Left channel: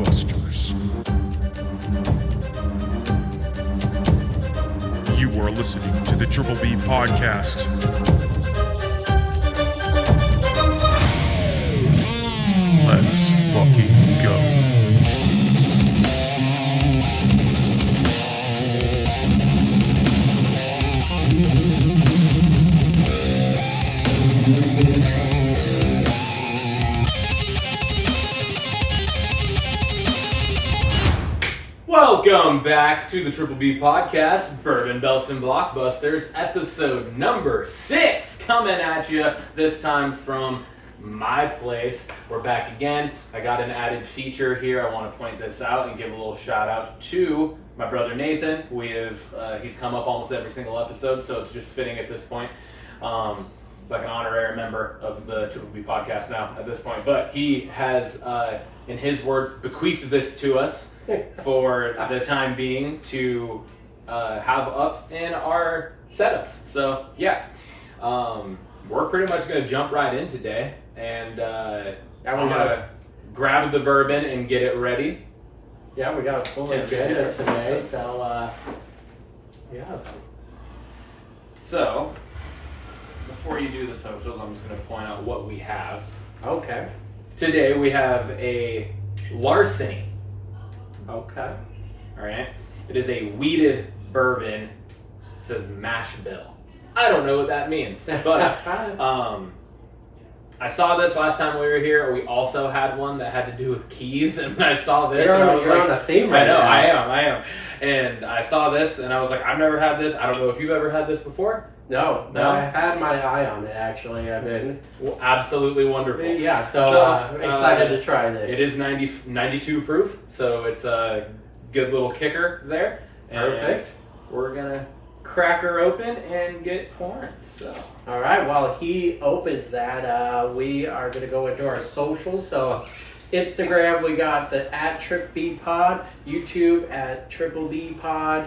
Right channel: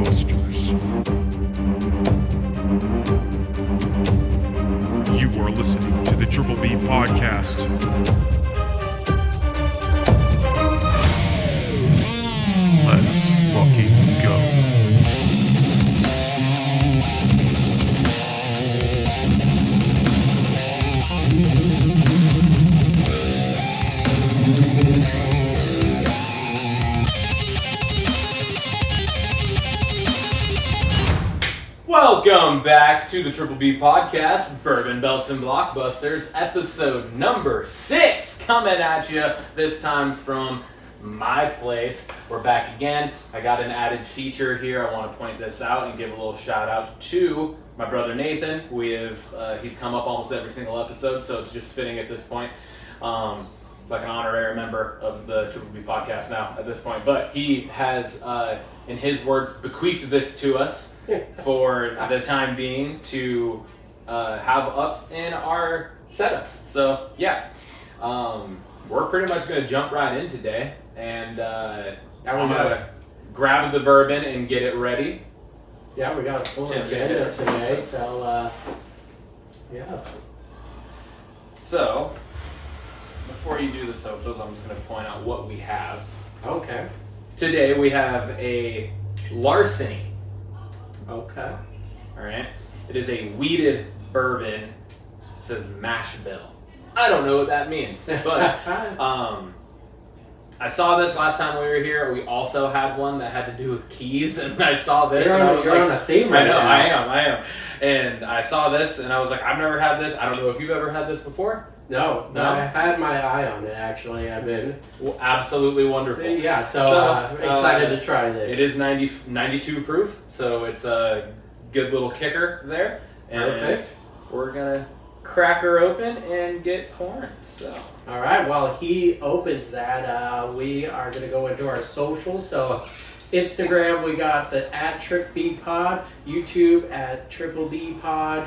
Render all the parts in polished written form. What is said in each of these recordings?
Blockbusters. You are listening to the Triple B Podcast. Let's fucking go. Welcome back to the Triple B Podcast, Bourbon, Belts, and Blockbusters, episode number 6, coming at you this time from my place. We're back again. I got an added feature here. I want to point this out and give a little shout out to my brother Nathan. He's come up almost every single episode, so it's just fitting at this point. It's like an honorary member of the Triple B Podcast now at this point, but he has, in his words, bequeathed this to us for the time being to have up in our setups. So yeah, we're pretty much going to jump right in today, and I'm going to grab the bourbon and get it ready. Yeah, we got a full agenda today, so yeah. So before you do the socials, I'm just going to point out what we have. Okay. Today we have a Larceny. Okay. All right. It is a wheated bourbon. It says mash bill. I don't know what that means, but I saw this last time we were here. We also had one that had to do with keys, and I saw this. You're on a theme right now. I am. And I saw this, and I was like, I've never had this. I don't know if you've ever had this before. No, I've had my eye on it, actually. I've been absolutely wonderful. Yeah, so excited to try this. It is 92 proof, so it's a good little kicker there. Perfect. And we're going to crack her open and get pouring. So, all right, while he opens that, we are going to go into our socials. So Instagram, we got the @TripBPod, YouTube @TripleBPod.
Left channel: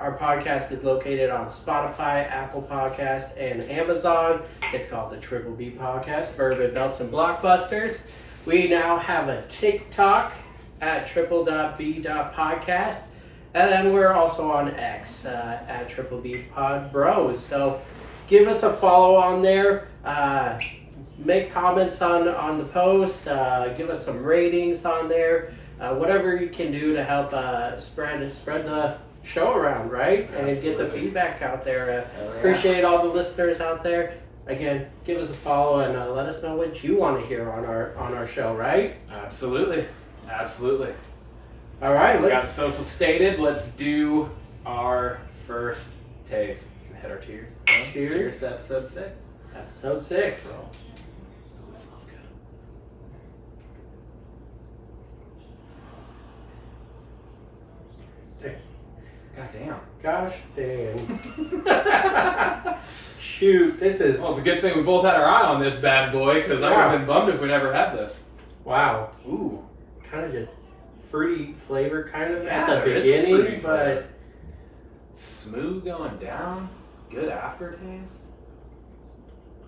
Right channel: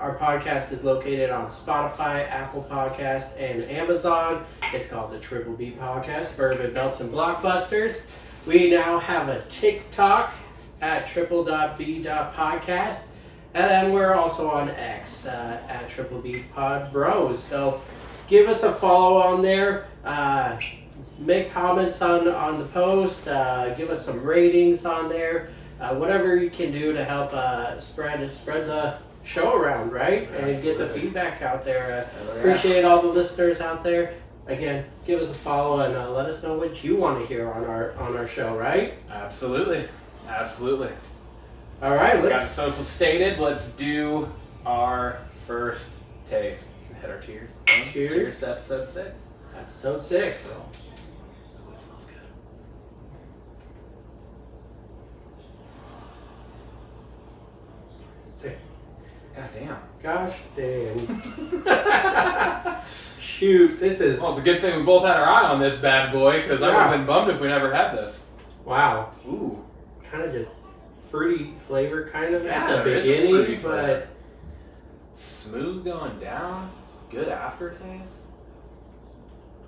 Our podcast is located on Spotify, Apple Podcasts, and Amazon. It's called the Triple B Podcast, Bourbon, Belts, and Blockbusters. We now have a TikTok @triple.b.podcast. And then we're also on X @TripleBPodBros. So give us a follow on there. Make comments on the post. Give us some ratings on there. Whatever you can do to help spread the show around, right? Absolutely. And get the feedback out there. Appreciate all the listeners out there. Again, give us a follow and let us know what you want to hear on our show, right? Absolutely. All right, we got the social stated. Let's do our first taste. Let's hit our cheers. Cheers to episode 6. Episode 6. So, it smells good. Gosh damn. Shoot, this is... Well, it's a good thing we both had our eye on this bad boy, because I would have been bummed if we never had this. Wow. Ooh. Kind of just fruity flavor kind of Yeah, at the there is a beginning, fruity but... flavor. Smooth going down. Good aftertaste.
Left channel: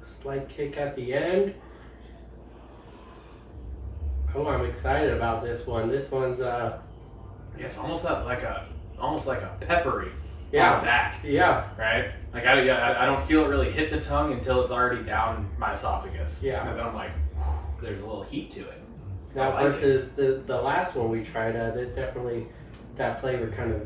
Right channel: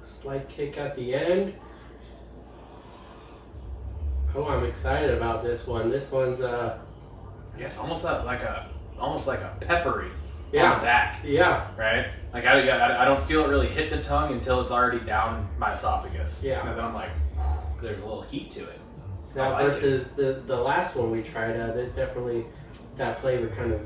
Slight kick at the end. Oh, I'm excited about this one. This one's Yeah, it's almost like a peppery on yeah, the back. yeah, Right? Like I don't feel it really hit the tongue until it's already down my esophagus. Yeah. And then I'm like, there's a little heat to it. now versus the last one we tried, there's definitely that flavor kind of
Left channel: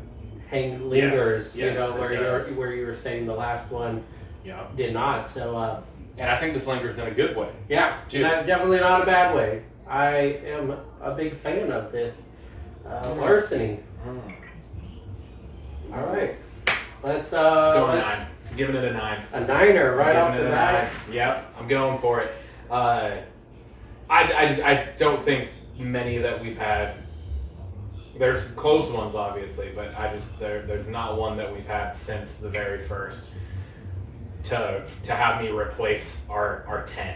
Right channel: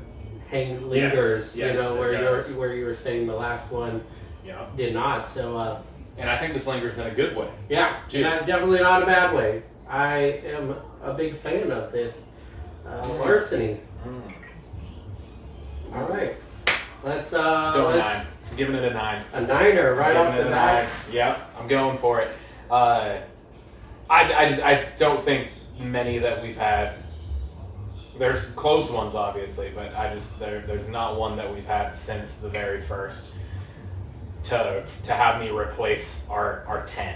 lingers. Yes, you know, it where you were saying the last one Yeah. did not. So And I think this lingers in a good way. yeah, definitely not a bad way. I am a big fan of this Larceny. All right, let's Going 9. Giving it a 9. a 9er right off the bat. Yep, I'm going for it. I don't think many that we've had. There's close ones, obviously, but there's not one that we've had since the very first to have me replace our 10.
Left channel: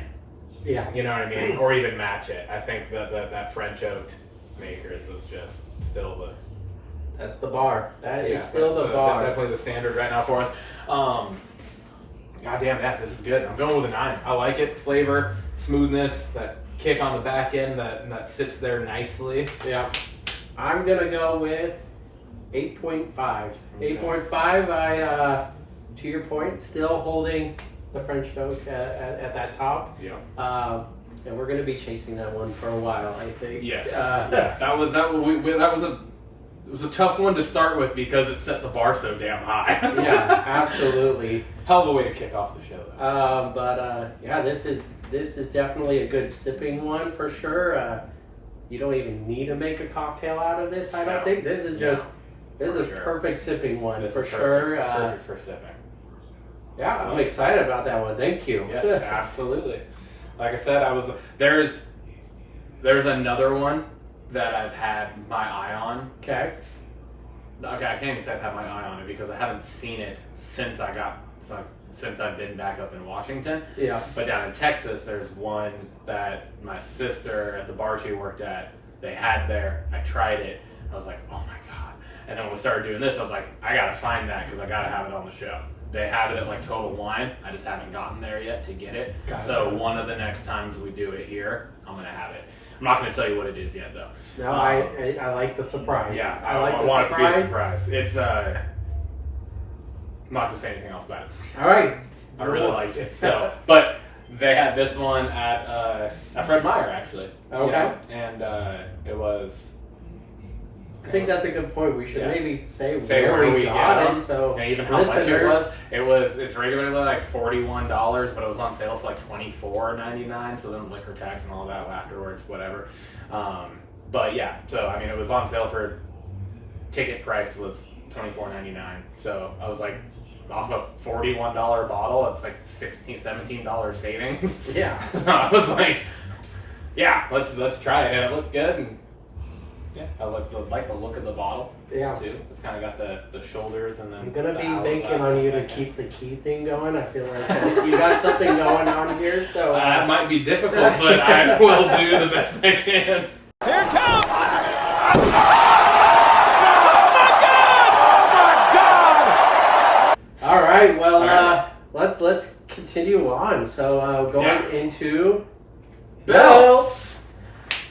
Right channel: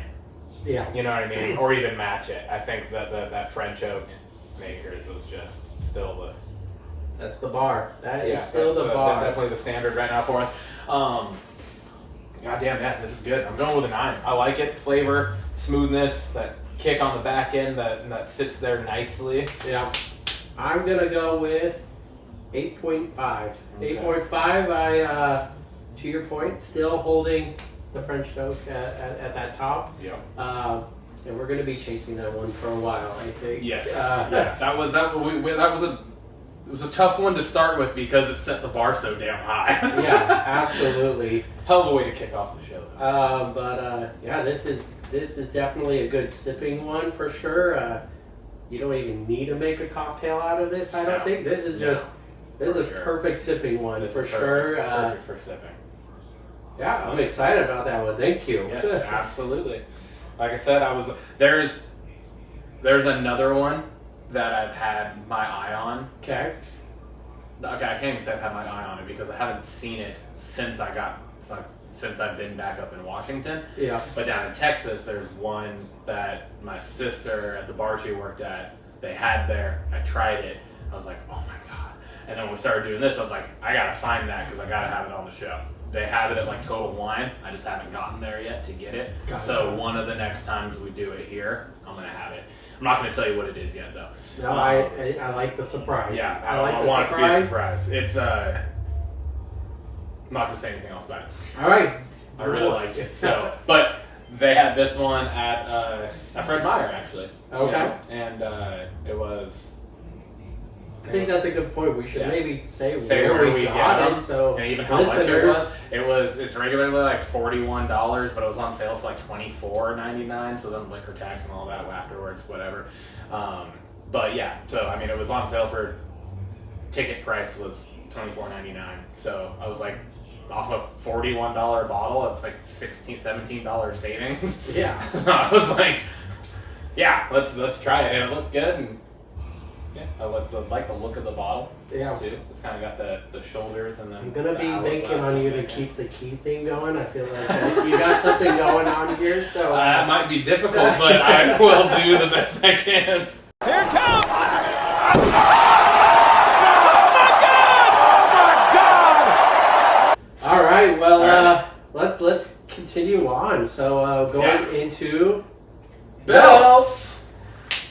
Yeah. You know what I mean? Or even match it. I think that French oaked Makers was just still the... That's the bar. That is Yeah, still that's the bar. Definitely the standard right now for us. God damn, yeah, this is good. I'm going with a 9. I like it. Flavor, smoothness, that kick on the back end that sits there nicely. Yeah. I'm going to go with 8.5. Okay. 8.5, to your point, still holding the French oak at that top. Yeah. And we're going to be chasing that one for a while, I think. Yes. Yeah. That was a tough one to start with because it set the bar so damn high. Yeah, absolutely. Hell of a way to kick off the show, though. But this is definitely a good sipping one for sure. You don't even need to make a cocktail out of this. I don't think this is just this is a perfect sipping one for sure. Perfect for sipping. Yeah, I'm excited about that one. Thank you. Yes, absolutely. Like I said, there's another one that I've had my eye on. Okay. I can't even say I've had my eye on it because I haven't seen it since I've been back up in Washington. Yeah. But down in Texas, there's one that my sister at the bar she worked at, they had there. I tried it. I was like, oh my God. And then when we started doing this, I was like, I got to find that because I got to have it on the show. They have it at like Total Wine. I just haven't gotten there yet to get it. Gotcha. So one of the next times we do it here, I'm going to have it. I'm not going to tell you what it is yet, though. No, I like the surprise. Yeah, I like the want surprise. it to be a surprise. It's I'm not going to say anything else about it. All right. I really liked it. So, but they had this one at Fred Meyer actually. Okay. And it was. I think that's a good point. We should maybe say where where we got got it. So and even how much it was. It's regularly like $41, but it was on sale for like $24.99. So then liquor tax and all that afterwards, whatever. But yeah, so I mean, it was on sale for ticket price was $24.99. So I was like, off a $41 bottle, it's like $16, $17 savings. Yeah. So I was like, yeah, let's try it, and it looked good. And yeah, I like the look of the bottle. Yeah. Too. It's kind of got the shoulders and then. I'm gonna the be hourglass banking on you to keep the key thing going. I feel like you got something going on here, so that might be difficult, but I will do the best I can. Here it comes! All right. Well, let's continue on. So going into belts.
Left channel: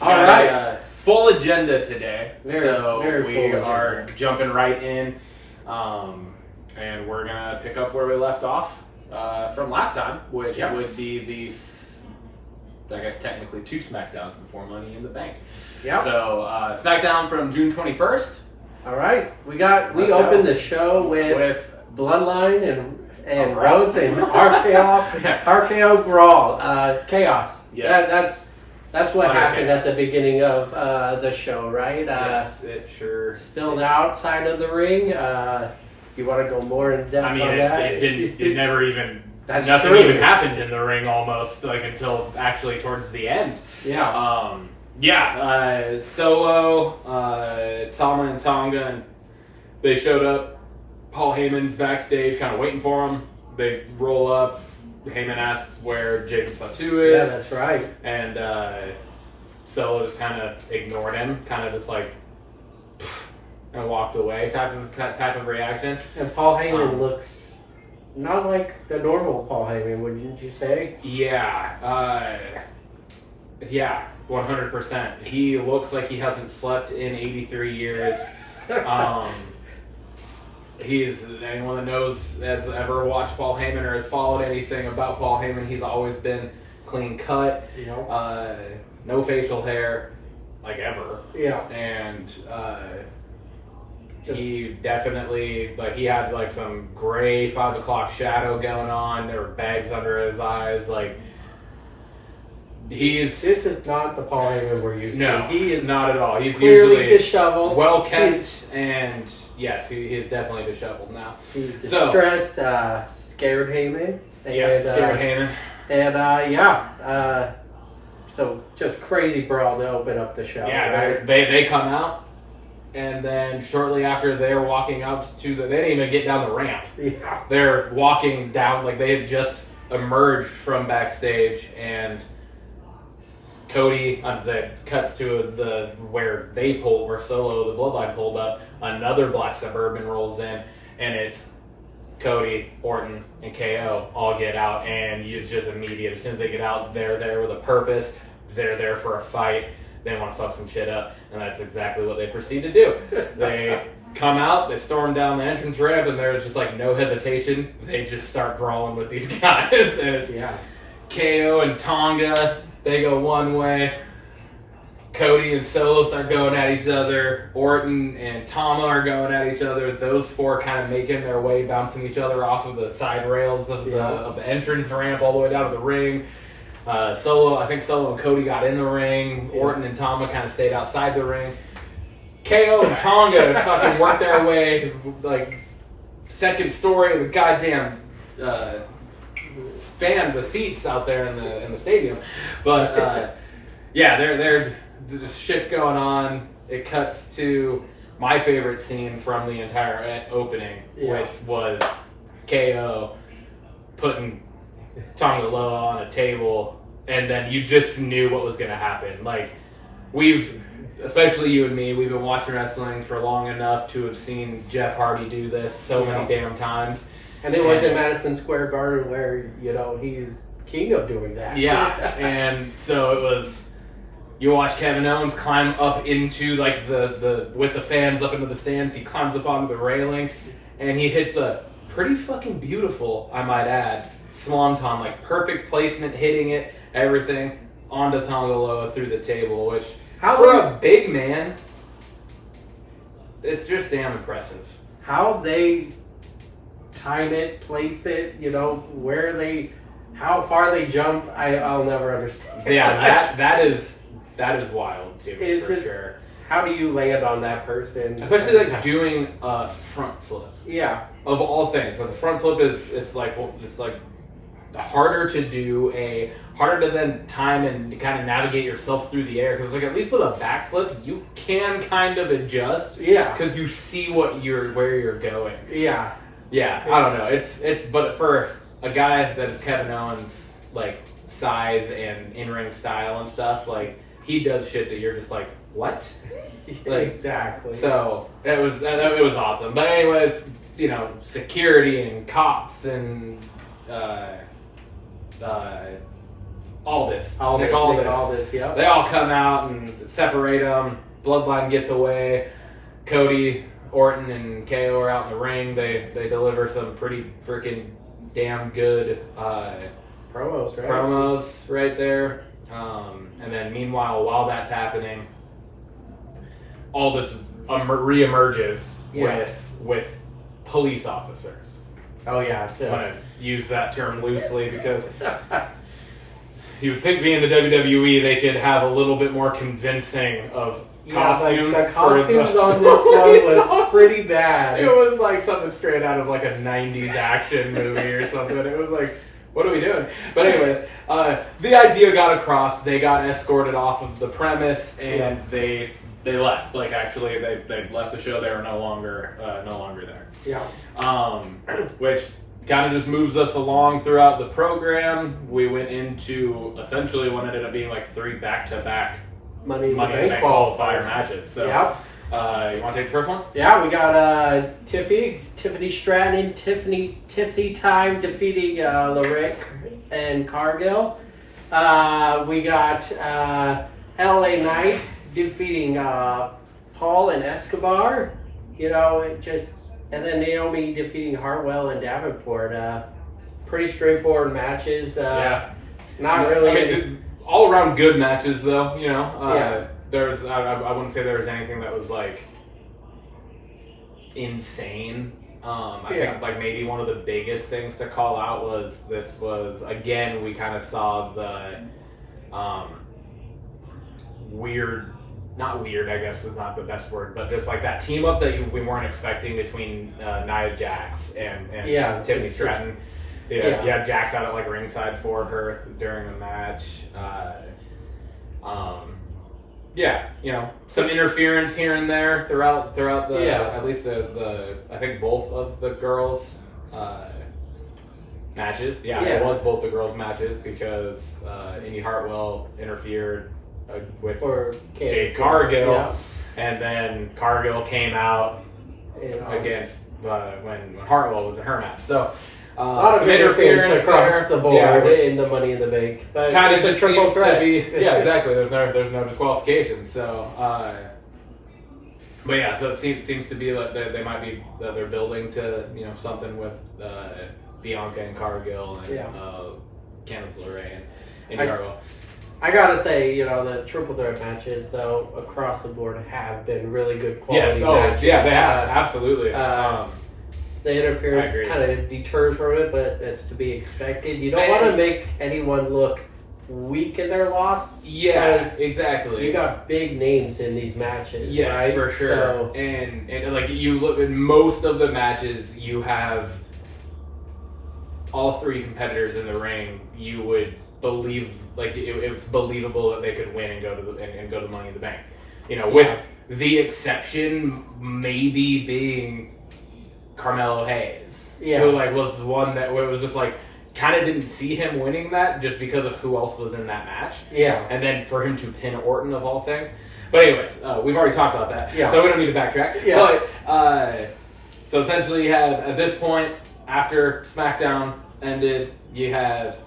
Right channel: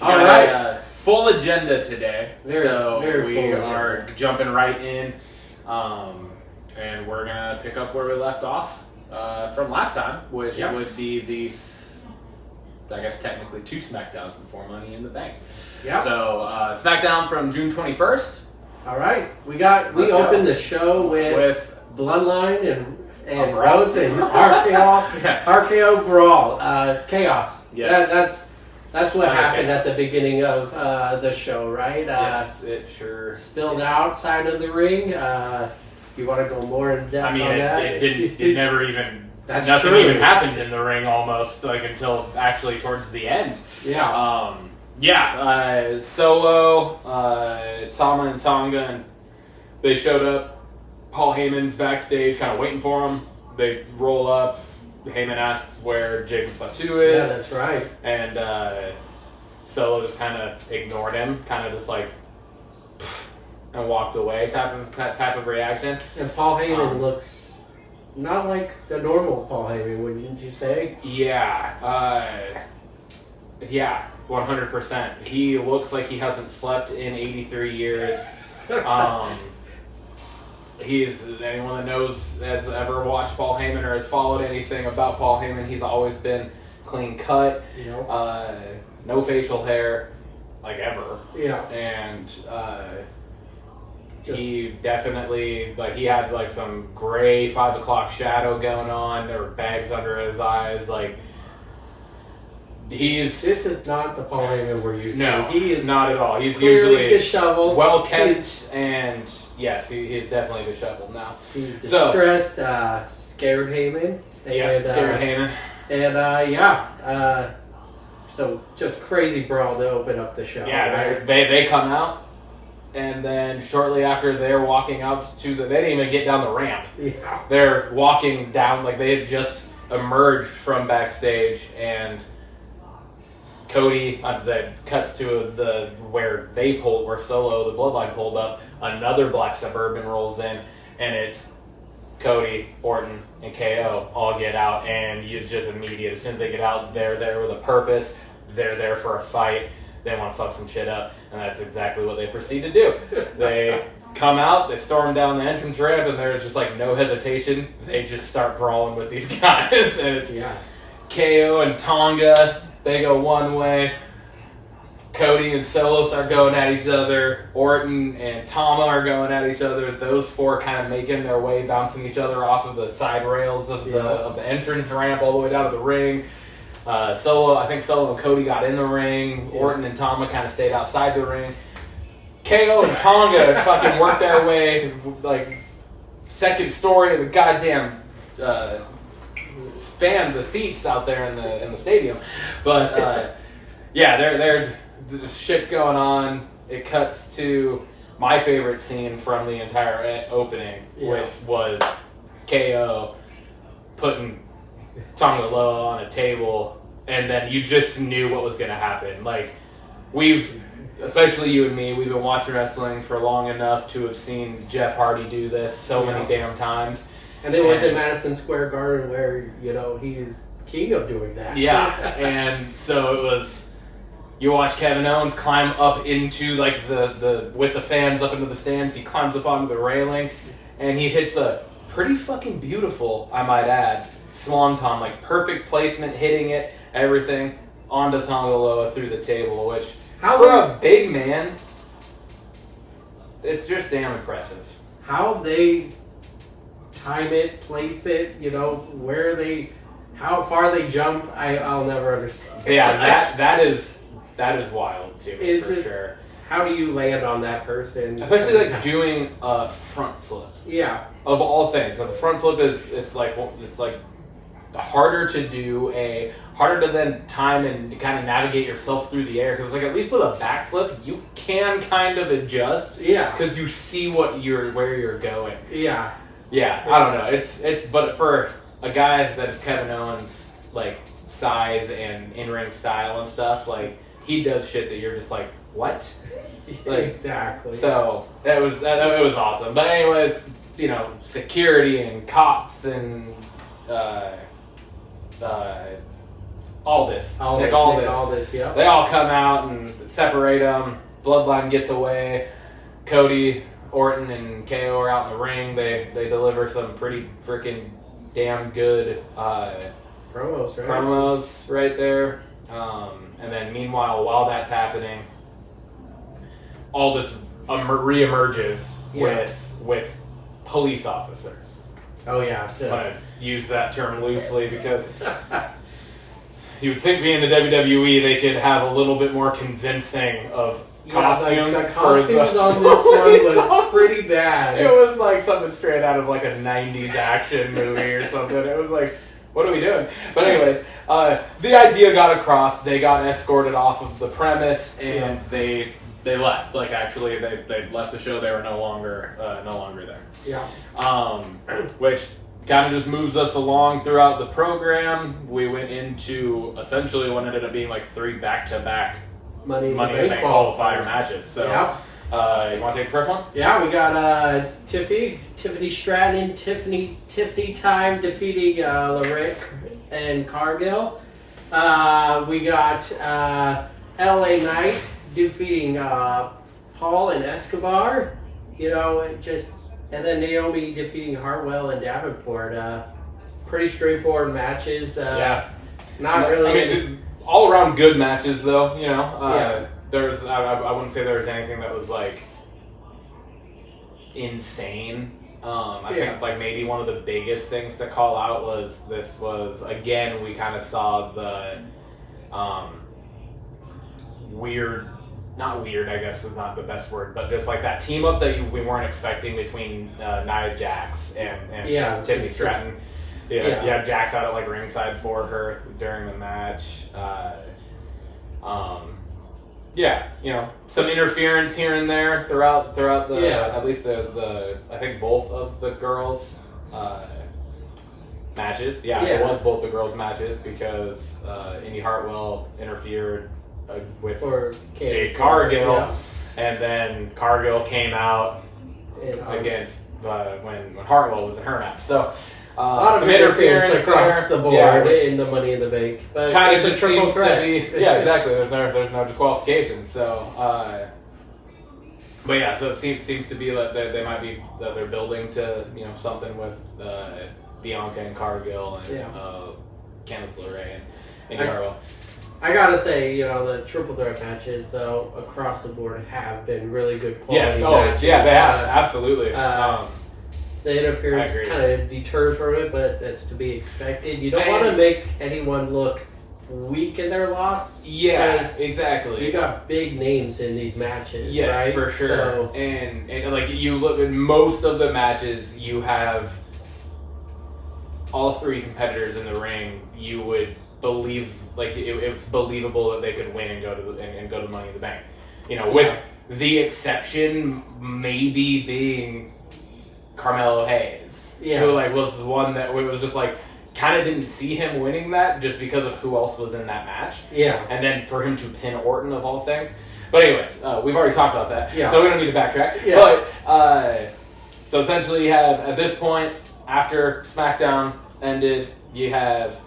All right. Full agenda today. Very we full are agenda. jumping right in, and we're gonna pick up where we left off from last time, which would be the, I guess technically 2 SmackDowns before Money in the Bank. Yeah. So SmackDown from June 21st. All right. We opened the show with Bloodline and Rhodes and RKO Brawl. Chaos. Yes. That's what happened at the beginning of the show, right? Yes, it sure spilled outside of the ring. You want to go more in depth on that? It never even. That's nothing true. even happened in the ring almost like until actually towards the end. Yeah. Solo, Tama and Tonga, and they showed up. Paul Heyman's backstage, kind of waiting for him. They roll up. Heyman asks where Jacob Fatu is. Yeah, that's right. And Solo just kind of ignored him, kind of just like, and walked away type of reaction. And Paul Heyman looks not like the normal Paul Heyman, wouldn't you say? Yeah. 100%. He looks like he hasn't slept in 83 years. Anyone that knows, has ever watched Paul Heyman or has followed anything about Paul Heyman, he's always been clean cut, no facial hair, like ever. Yeah. And he definitely, like, he had like some gray 5 o'clock shadow going on. There were bags under his eyes. Like, This is not the Paul Heyman we're used to. No, he is not at all. He's clearly usually disheveled, well kept, and yes, he's definitely disheveled now. He's distressed, scared Heyman. Scared Heyman. And so just crazy brawl to open up the show. Yeah, right? they come out, and then shortly after they're walking out they didn't even get down the ramp. Yeah. They're walking down like they had just emerged from backstage, and Cody that cuts to where Solo, the Bloodline, pulled up. Another black Suburban rolls in, and it's Cody, Orton, and KO all get out, and it's just immediate. As soon as they get out, they're there with a purpose. they're there for a fight. They want to fuck some shit up, and that's exactly what they proceed to do. They come out, they storm down the entrance ramp, and there's just like no hesitation. They just start brawling with these guys, and it's KO and Tonga. They go one way. Cody and Solo start going at each other. Orton and Tama are going at each other. Those four kind of making their way, bouncing each other off of the side rails of the entrance ramp all the way down to the ring. I think Solo and Cody got in the ring. Orton and Tama kind of stayed outside the ring. KO and Tonga fucking worked their way, like, second story of the goddamn fans, the seats out there in the stadium. But they're the shit's going on. It cuts to my favorite scene from the entire opening, which was KO putting Tonga Loa on a table, and then you just knew what was going to happen. Like, especially you and me, we've been watching wrestling for long enough to have seen Jeff Hardy do this so many damn times. And it was in Madison Square Garden where, he's king of doing that. Yeah, and so it was... You watch Kevin Owens climb up into, like, the with the fans up into the stands. He climbs up onto the railing, and he hits a pretty fucking beautiful, I might add, swanton, like, perfect placement, hitting it, everything, onto Tonga Loa through the table, which, a big man, it's just damn impressive. How they time it, place it, how far they jump, I'll never understand. Yeah, that is wild to me, for sure. How do you land on that person? Especially like doing a front flip. Yeah. Of all things, so the front flip it's like harder to do, harder to then time and kind of navigate yourself through the air, because like at least with a back flip you can kind of adjust. Yeah. Because you see where you're going. Yeah. Yeah. I don't know. But for a guy that is Kevin Owens, like size and in-ring style and stuff, like he does shit that you're just like, what? Like, exactly. So it was awesome. But anyways, security and cops and Aldis. Yeah. They all come out and separate them. Bloodline gets away. Cody, Orton, and KO are out in the ring. They deliver some pretty freaking damn good promos right there. And then meanwhile, while that's happening, Aldis reemerges with police officers. Oh yeah, I'm gonna use that term loosely because you would think being the WWE they could have a little bit more convincing of costumes. Like the costumes on this one was pretty bad. It was like something straight out of like a 90s action movie or something. It was like, what are we doing? But anyways, the idea got across. They got escorted off of the premise, and they left. Like actually, they left the show. They were no longer there. Yeah. Which kind of just moves us along throughout the program. We went into essentially what ended up being like 3 back-to-back Money in the Bank qualifier matches. So, you want to take the first one? Yeah, we got Tiffany Stratton and Tiffany Time defeating Lyric and Cargill. We got LA Knight defeating Paul and Escobar. And then Naomi defeating Hartwell and Davenport. Pretty straightforward matches. Not really. All around good matches, though. There's I wouldn't say there was anything that was like insane. I think like maybe one of the biggest things to call out was again we kind of saw the weird. Not weird, I guess is not the best word, but there's like that team up that we weren't expecting between Nia Jax and Tiffany Stratton. You have Jax out at like ringside for her during the match. Some interference here and there throughout the at least the I think both of the girls' matches. It was both the girls' matches because Indy Hartwell interfered with Jade Cargill, and then Cargill came out against when Hartwell was in her match. So A lot of interference across the board in the Money in the Bank. But kind of it's a just triple seems threat. to be, yeah, exactly. There's no disqualification. So, but yeah, so it seems to be that they might be that they're building to something with Bianca and Cargill and Candice LeRae and Garbo. I gotta say, the triple threat matches, though, across the board have been really good quality matches. Yeah, they have, absolutely. The interference kind of deters from it, but that's to be expected. You don't want to make anyone look weak in their loss. Yeah, exactly. You got big names in these matches, yes, right? for sure. So, and like you look in most of the matches, you have all three competitors in the ring. You would believe it's believable that they could win and go to Money in the Bank. With the exception maybe being Carmelo Hayes, who was the one that was just kind of didn't see him winning that just because of who else was in that match. Yeah, and then for him to pin Orton of all things. But anyways, we've already talked about that, so we don't need to backtrack. Yeah. But so essentially, you have at this point after SmackDown ended, you have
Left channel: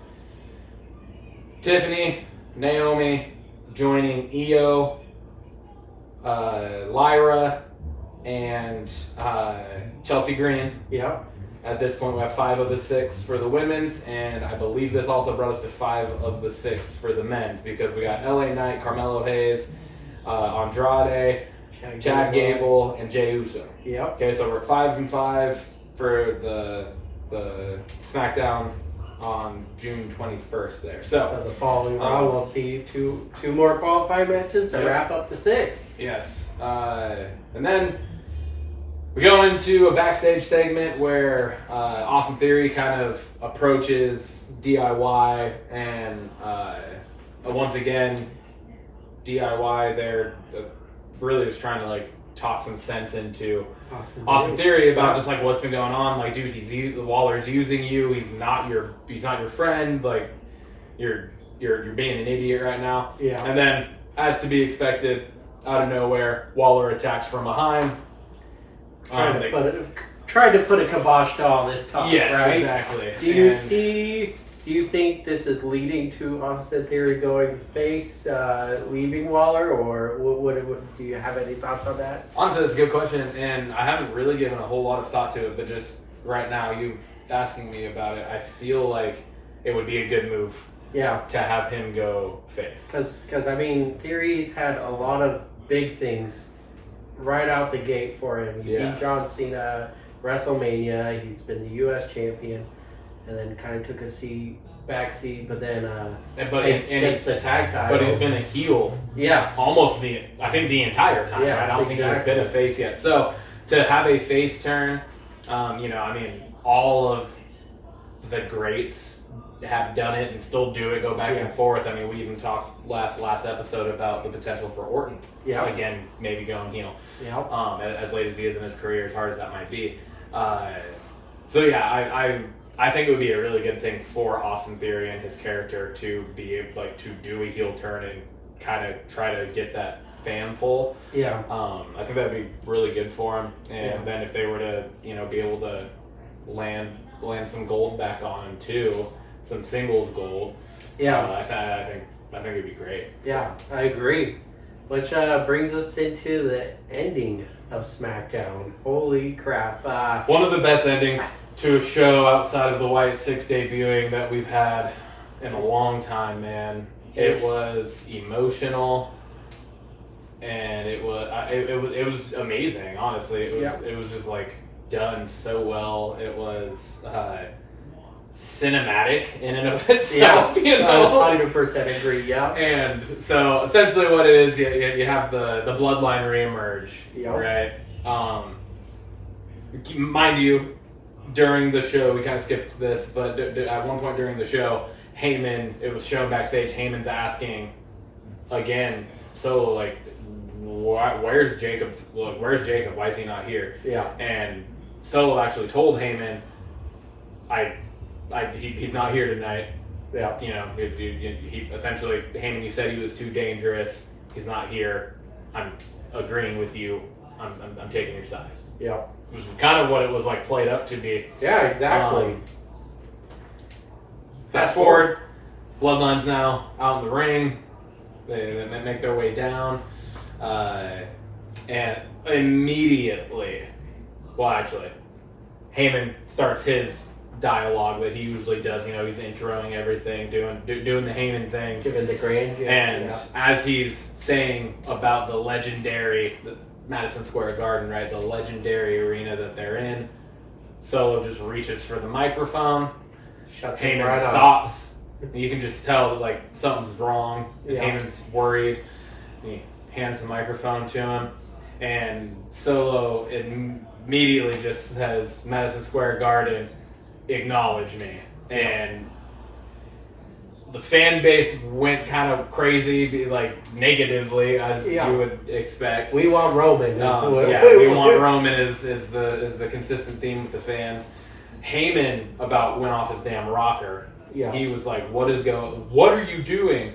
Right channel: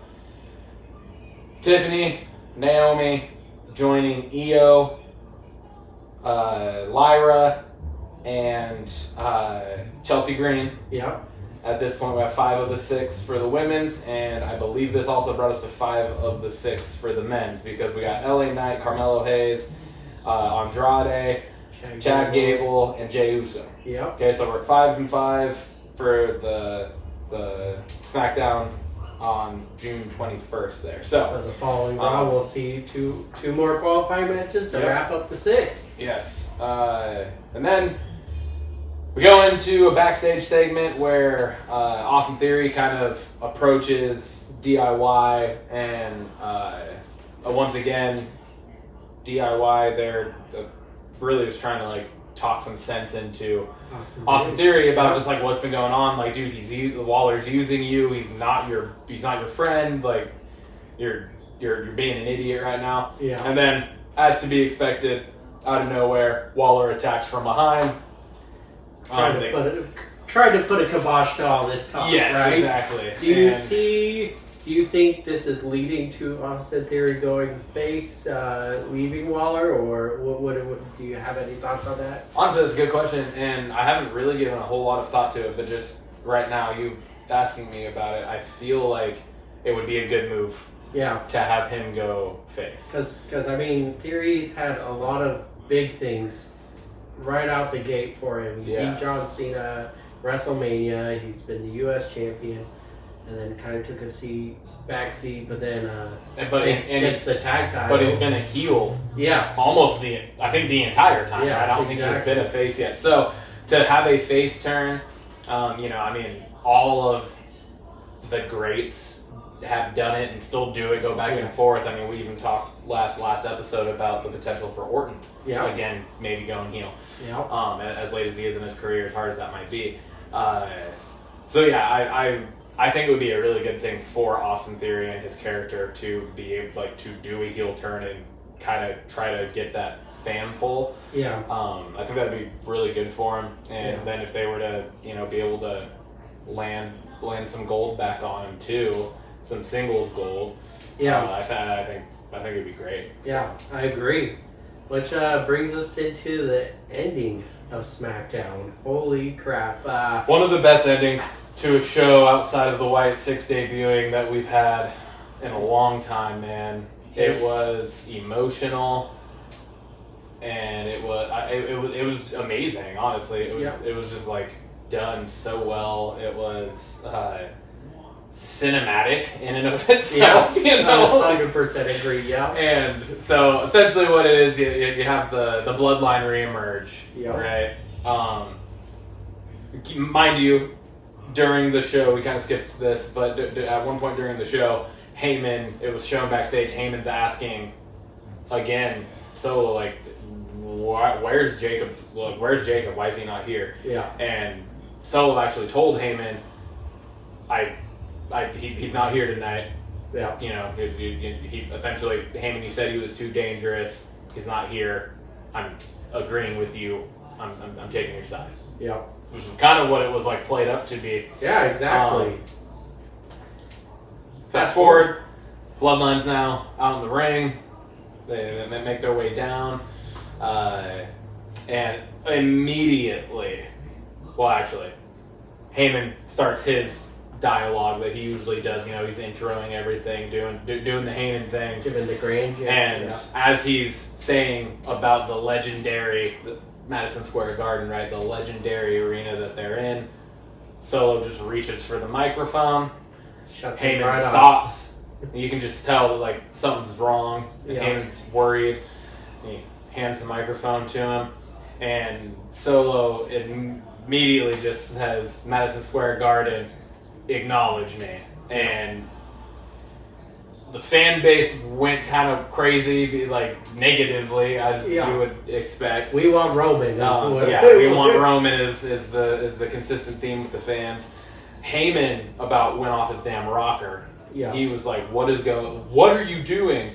Tiffany, Naomi joining Io, Lyra, and Chelsea Green. Yeah. At this point, we have 5 of the 6 for the women's, and I believe this also brought us to 5 of the 6 for the men's because we got LA Knight, Carmelo Hayes, Andrade, Chad Gable, and Jey Uso. Yep. Okay, so we're 5 and 5 for the SmackDown on June 21st there. So the following Raw, we'll see two more qualifying matches to wrap up the 6. Yes. And then we go into a backstage segment where Austin Theory kind of approaches DIY and once again, DIY, they're really just trying to talk some sense into Austin Theory about just what's been going on. Dude, Waller's using you. He's not your friend. You're being an idiot right now. Yeah. And then, as to be expected, out of nowhere, Waller attacks from behind. Trying to put a kibosh to all this talk. Yes, right? exactly. Do you think this is leading to Austin Theory going face, leaving Waller, or what do you have any thoughts on that? Honestly, that's a good question, and I haven't really given a whole lot of thought to it, but just right now, you asking me about it, I feel like it would be a good move to have him go face. Because Theory's had a lot of big things right out the gate for him. He beat John Cena, WrestleMania, he's been the U.S. champion, and then kind of took a backseat, but then gets the tag title. But he's been a heel, almost the entire time. Yes, right? I don't think he's been a face yet. So to have a face turn, all of the greats have done it and still do it, go back and forth. We even talked last episode about the potential for Orton. Again, maybe going heel. As late as he is in his career, as hard as that might be. I think it would be a really good thing for Austin Theory and his character to be able to do a heel turn and kind of try to get that fan pull. I think that'd be really good for him. And then if they were to be able to land some gold back on him too, some singles gold. I think it'd be great. I agree. Which brings us into the ending of SmackDown. Holy crap! One of the best endings to a show outside of the White 6 debuting that we've had in a long time, man. It was emotional, and it was amazing. Honestly, it was just done so well. It was cinematic in and of itself. 100% agree. And so essentially, what it is, you have the bloodline reemerge, right? Mind you, during the show, we kind of skipped this, but at one point during the show, Heyman, it was shown backstage, Heyman's asking again, so where's Jacob? Where's Jacob? Why is he not here? And Solo actually told Heyman, he's not here tonight. If he essentially, Heyman, you said he was too dangerous. He's not here. I'm agreeing with you. I'm taking your side. Which is kind of what it was played up to be. Yeah, exactly. Fast forward, Bloodline's now out in the ring. They make their way down. And immediately, well, actually, Heyman starts his dialogue that he usually does. You know, he's introing everything, doing the Heyman thing. Giving the grand. And as he's saying about the legendary Madison Square Garden, right, the legendary arena that they're in, Solo just reaches for the microphone. Heyman right stops. You can just tell that, like, something's wrong. Yeah. Heyman's worried. He hands the microphone to him. And Solo immediately just says, Madison Square Garden, acknowledge me. Yeah. And the fan base went kind of crazy, like, negatively, as you would expect. We want Roman. We want Roman is the consistent theme with the fans. Heyman about went off his damn rocker. Yeah. He was like, what are you doing?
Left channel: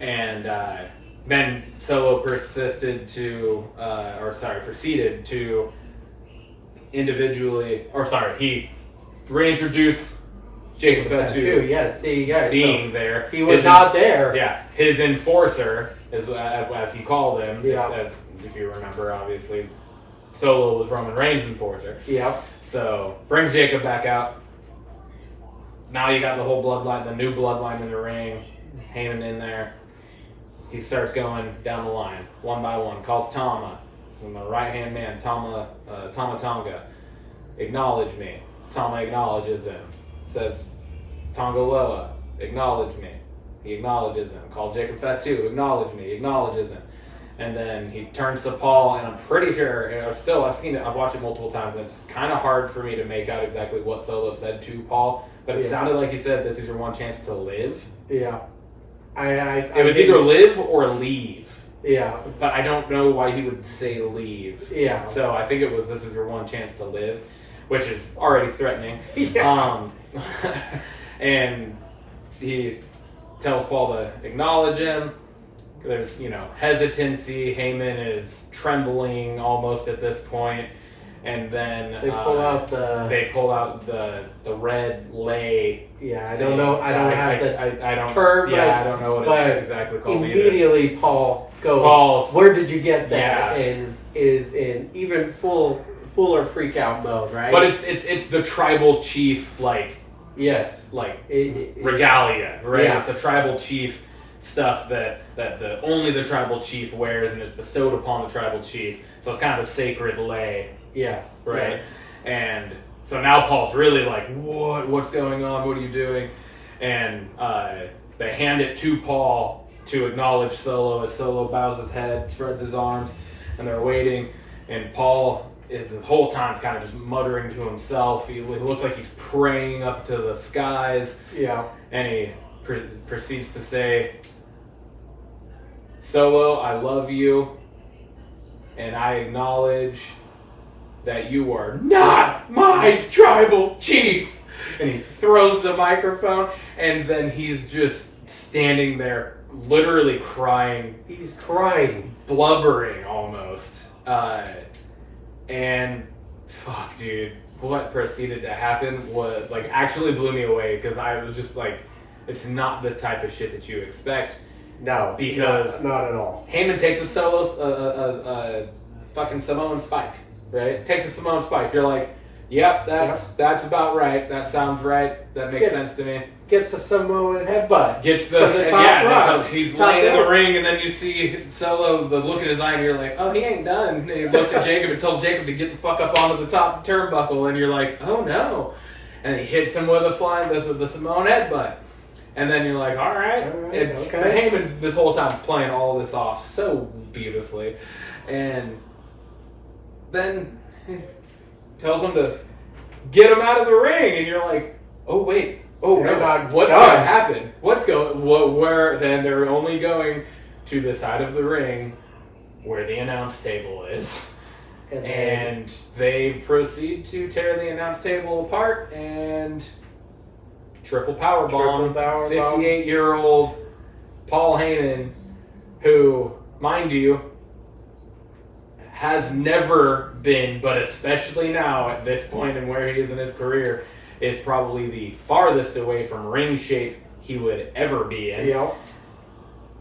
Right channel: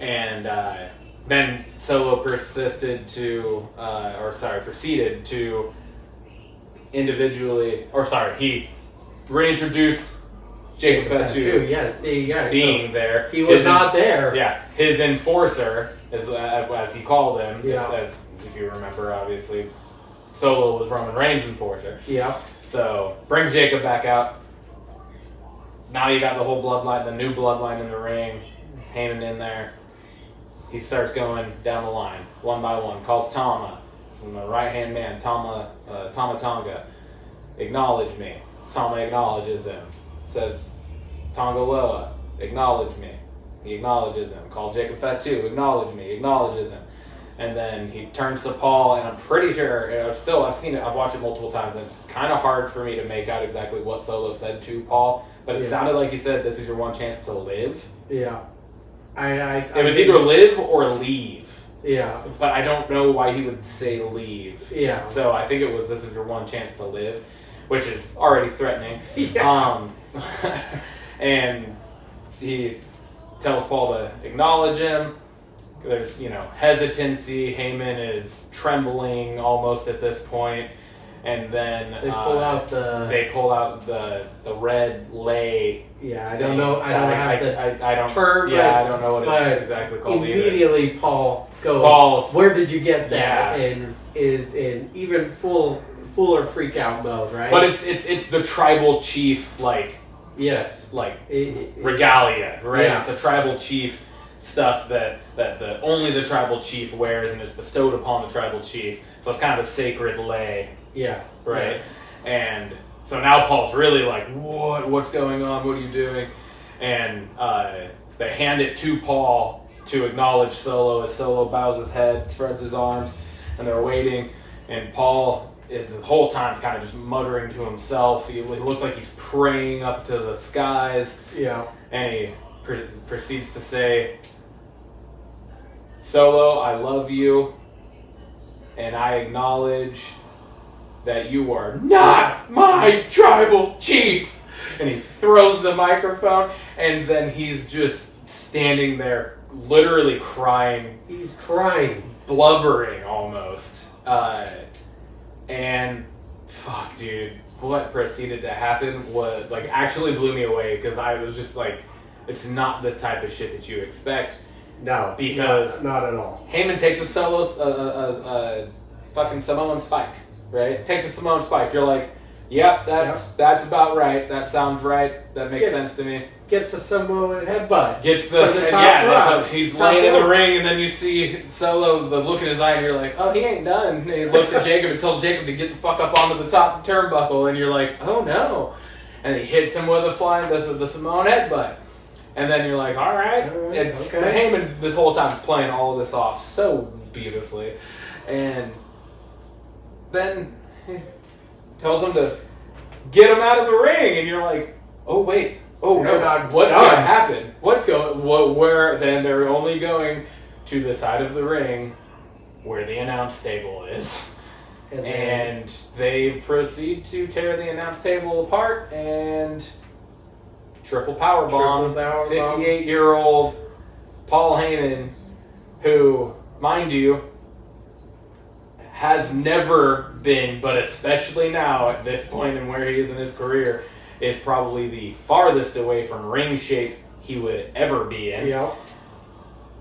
And then Solo proceeded to he reintroduced Jacob Fatu. Yes, being there. He was not there. Yeah, his enforcer, as he called him, Yeah. if you remember, obviously, Solo was Roman Reigns' enforcer. Yep. So, brings Jacob back out. Now you got the whole bloodline, the new bloodline in the ring. Heyman in there. He starts going down the line, one by one. Calls Tama, my right-hand man, Tama Tonga. Acknowledge me. Tama acknowledges him. Says, Tonga Loa, acknowledge me. He acknowledges him. Calls Jacob Fatu, acknowledge me. Acknowledges him. And then he turns to Paul, and I'm pretty sure, I've seen it, I've watched it multiple times, and it's kind of hard for me to make out exactly what Solo said to Paul, but it sounded like he said, this is your one chance to live. Yeah. It was either live or leave. Yeah. But I don't know why he would say leave. Yeah. So I think it was, this is your one chance to live, which is already threatening. Yeah. And he tells Paul to acknowledge him. There's, hesitancy. Heyman is trembling almost at this point. And then they pull out the red lay. Yeah, I don't know. I don't have the I don't term. Yeah, I don't know what it's exactly called. Immediately, either. Paul goes, "Where did you get that?" Yeah. And is in even fuller freak out mode, right? But it's the tribal chief yes, regalia, right? Yeah. It's the tribal chief stuff that only the tribal chief wears, and it's bestowed upon the tribal chief. So it's kind of a sacred lay. Yes. Right. Yes. And so now Paul's really like, what's going on? What are you doing? And they hand it to Paul to acknowledge Solo as Solo bows his head, spreads his arms, and they're waiting. And Paul is the whole time kind of just muttering to himself. He looks like he's praying up to the skies. Yeah. And he proceeds to say, Solo, I love you, and I acknowledge that you are not my tribal chief. And he throws the microphone, and then he's just standing there, literally crying. He's crying. Blubbering, almost. And, fuck, dude, what proceeded to happen was, actually blew me away, because I was just like, it's not the type of shit that you expect. No. Because not at all. Heyman takes a fucking Samoan spike. Right? Takes a Samoan spike. You're like, yep, that's about right. That sounds right. That makes sense to me. Gets a Samoan headbutt. Gets the top rope. So he's laying in the ring, and then you see Solo, the look in his eye, and you're like, oh, he ain't done. And he looks at Jacob and tells Jacob to get the fuck up onto the top turnbuckle, and you're like, oh no. And he hits him with the Samoan headbutt. And then you're like, all right. Heyman this whole time is playing all of this off so beautifully. And then he tells him to get him out of the ring, and you're like, oh wait, no, what's going to happen? Where then they're only going to the side of the ring where the announce table is, and they proceed to tear the announce table apart and triple powerbomb 58-year-old Paul Heyman, who, mind you, has never been, but especially now at this point and where he is in his career, is probably the farthest away from ring shape he would ever be in. Yep.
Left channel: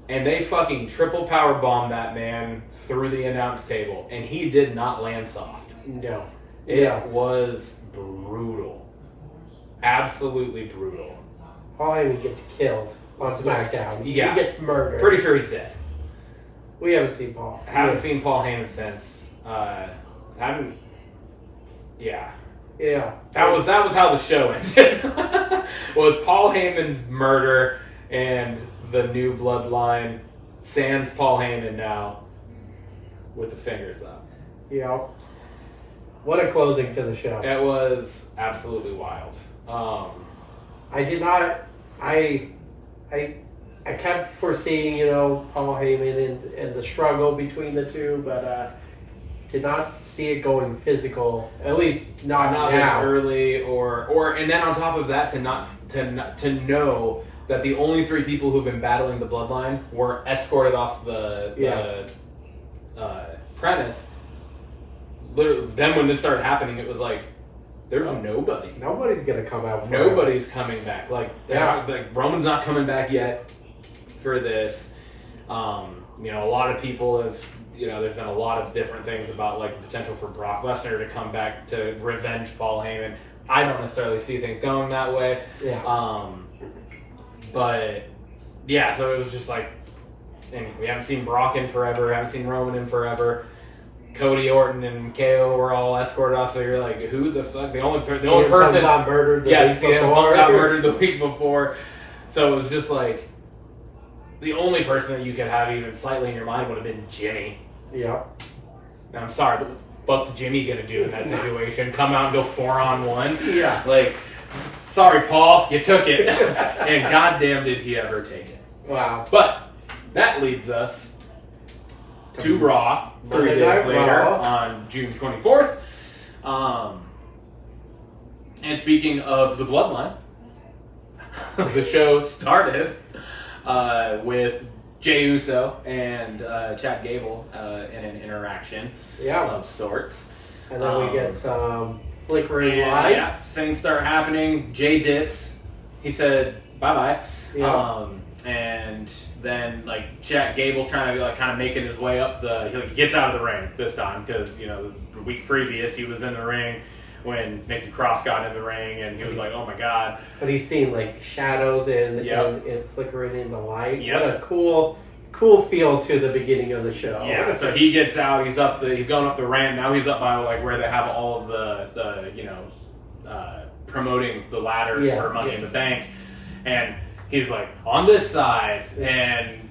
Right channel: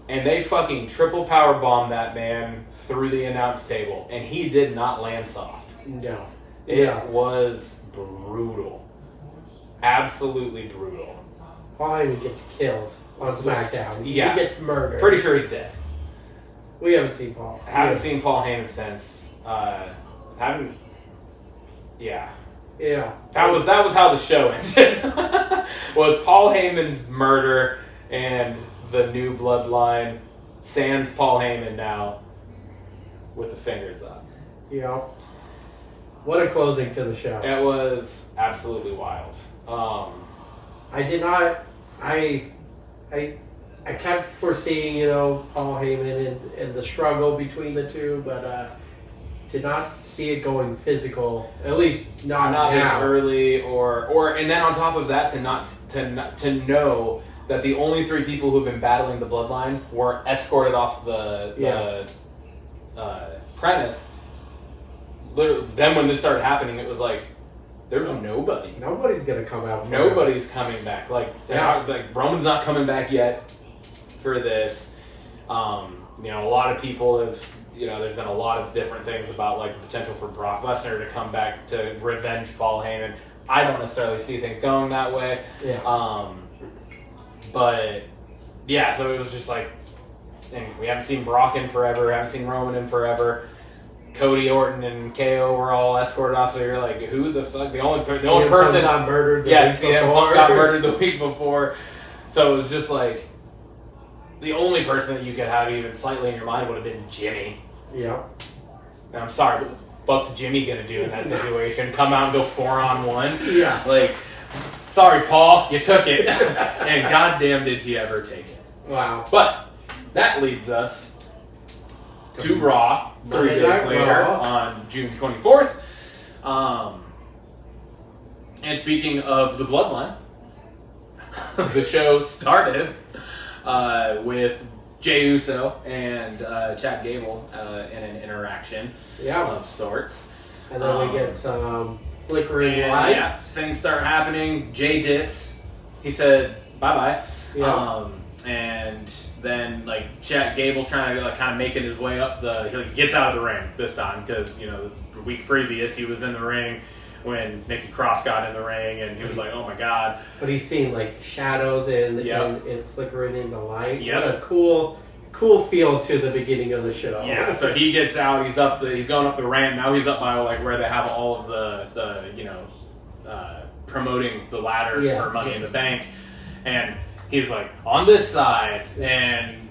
And they fucking triple powerbombed that man through the announce table, and he did not land soft. No. It was brutal. Absolutely brutal. Paul Heyman gets killed on SmackDown. Yeah. He gets murdered. Pretty sure he's dead. We haven't seen Paul. Haven't seen Paul Heyman since. Haven't. Yeah. Yeah. That was how the show ended. Was Paul Heyman's murder and the new bloodline sans Paul Heyman now with the fingers up. Yeah. What a closing to the show. It was absolutely wild. I did not. I kept foreseeing, Paul Heyman and the struggle between the two, but did not see it going physical. At least not this now. early, or and then on top of that, to know that the only three people who've been battling the bloodline were escorted off the premise. Literally, then when this started happening, it was like, there's nobody. Nobody's gonna come out. Nobody's coming back. Like Roman's not coming back yet for this. A lot of people have. There's been a lot of different things about like the potential for Brock Lesnar to come back to revenge Paul Heyman. I don't necessarily see things going that way. Yeah. But yeah, so it was just like, and we haven't seen Brock in forever. Haven't seen Roman in forever. Cody, Orton, and KO were all escorted off. So you're like, who the fuck? The only person got murdered. CM Punk got murdered the week before. So it was just like, the only person that you could have even slightly in your mind would have been Jimmy. Yeah. And I'm sorry, but what's Jimmy gonna do in that situation? Come out and go 4-on-1? Yeah. Like, sorry, Paul, you took it. And goddamn did he ever take it. Wow. But that leads us to Raw 3 Monday days Night later Raw. on June 24th. And speaking of the Bloodline, the show started with Jey Uso and Chad Gable in an interaction of sorts. And then we get some flickering lights. Yeah, things start happening. Jey dips. He said bye-bye. Yeah. And then like Chad Gable's trying to kind of making his way up he gets out of the ring this time because the week previous he was in the ring when Nikki Cross got in the ring and he was like, oh my god. But he's seeing like shadows and flickering in the light. Yep. What a cool feel to the beginning of the show. Yeah, so he gets out, he's going up the ramp. Now he's up by like where they have all of the promoting the ladders for Money in the Bank. And he's like on this side and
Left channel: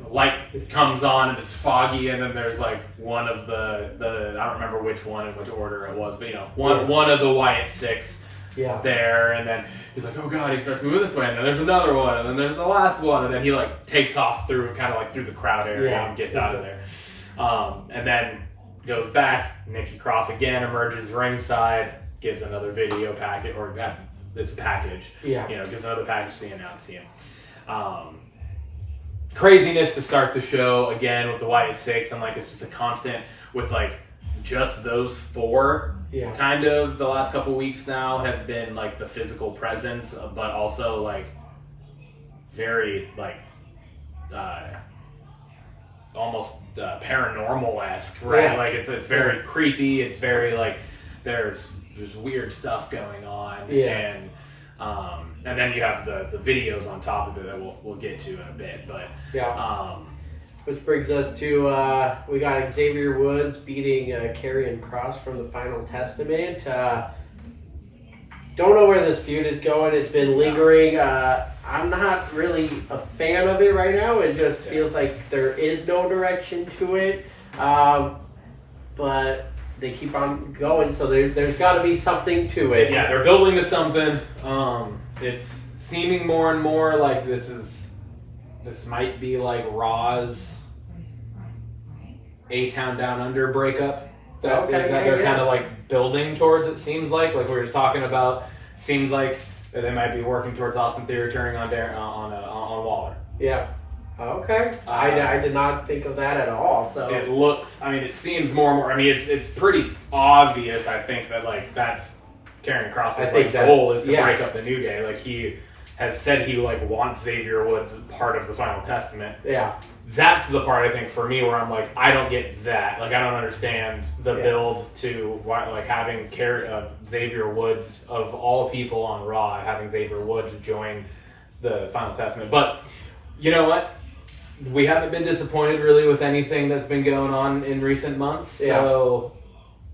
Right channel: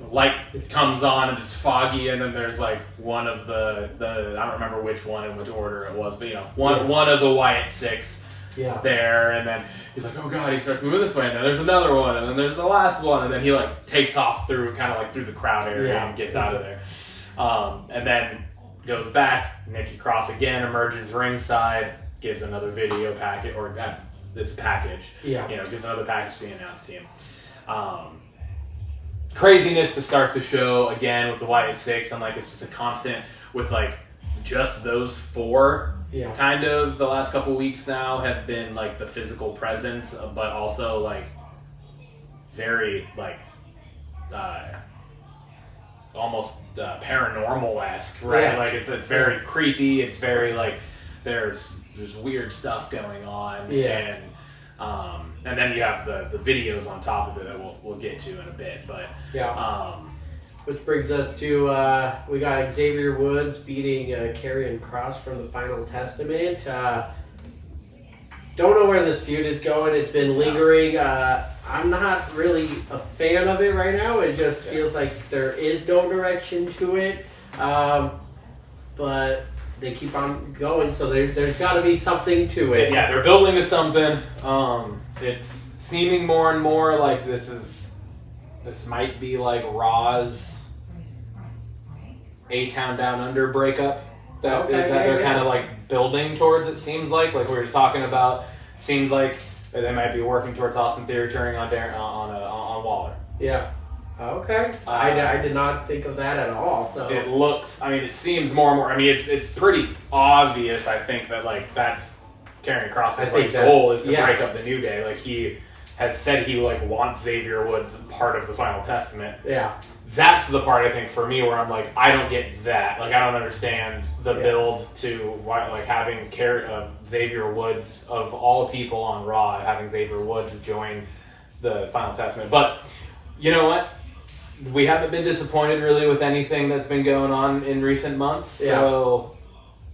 the light comes on and it's foggy and then there's like one of the I don't remember which one in which order it was, but one of the Wyatt Six there, and then he's like, oh god, he starts moving this way and then there's another one and then there's the last one and then he like takes off through the crowd area and gets out of there. And then goes back, Nikki Cross again emerges ringside, gives another video packet it's a package. Yeah. Gives another package to the announce team. Craziness to start the show again with the Wyatt Six, and like it's just a constant with like just those four. Yeah. Kind of the last couple weeks now have been like the physical presence, but also like very like almost paranormal-esque, right? Yeah. Like it's very creepy. It's very like there's weird stuff going on. Yes. And then you have the videos on top of it that we'll get to in a bit. But which brings us to we got Xavier Woods beating Karrion Kross from the Final Testament. Don't know where this feud is going. It's been lingering. I'm not really a fan of it right now. It just feels like there is no direction to it. But they keep on going, so there's got to be something to it. Yeah, they're building to something. It's seeming more and more like this might be like Raw's A-Town Down Under breakup that they're kind of like building towards. It seems like we were talking about. Seems like they might be working towards Austin Theory turning on Waller. Yeah. Okay. I did not think of that at all. So it looks. I mean, it seems more and more. I mean, it's pretty obvious. I think that like that's Karrion Kross's I think goal is to yeah. break up the New Day. Like, he has said he like wants Xavier Woods part of the Final Testament. Yeah. That's the part I think for me where I'm like, I don't get that. Like, I don't understand the build to why, like, having Xavier Woods, of all people on Raw, having Xavier Woods join the Final Testament. But you know what? We haven't been disappointed really with anything that's been going on in recent months. Yeah. So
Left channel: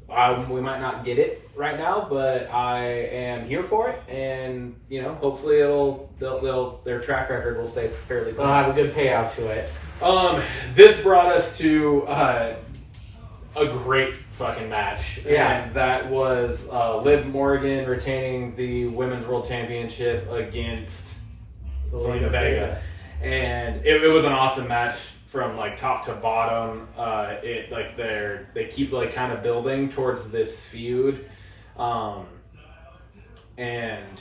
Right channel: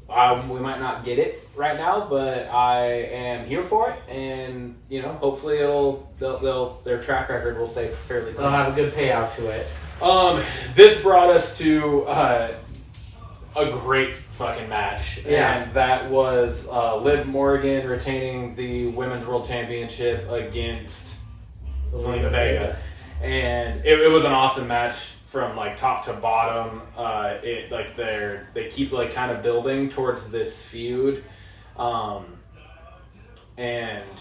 we might not get it right now, but I am here for it, and you know, hopefully their track record will stay fairly clean. They'll have a good payout to it. This brought us to a great fucking match, Yeah. and that was Liv Morgan retaining the Women's World Championship against Zelina Vega, and it was an awesome match from like top to bottom. They keep like kind of building towards this feud, and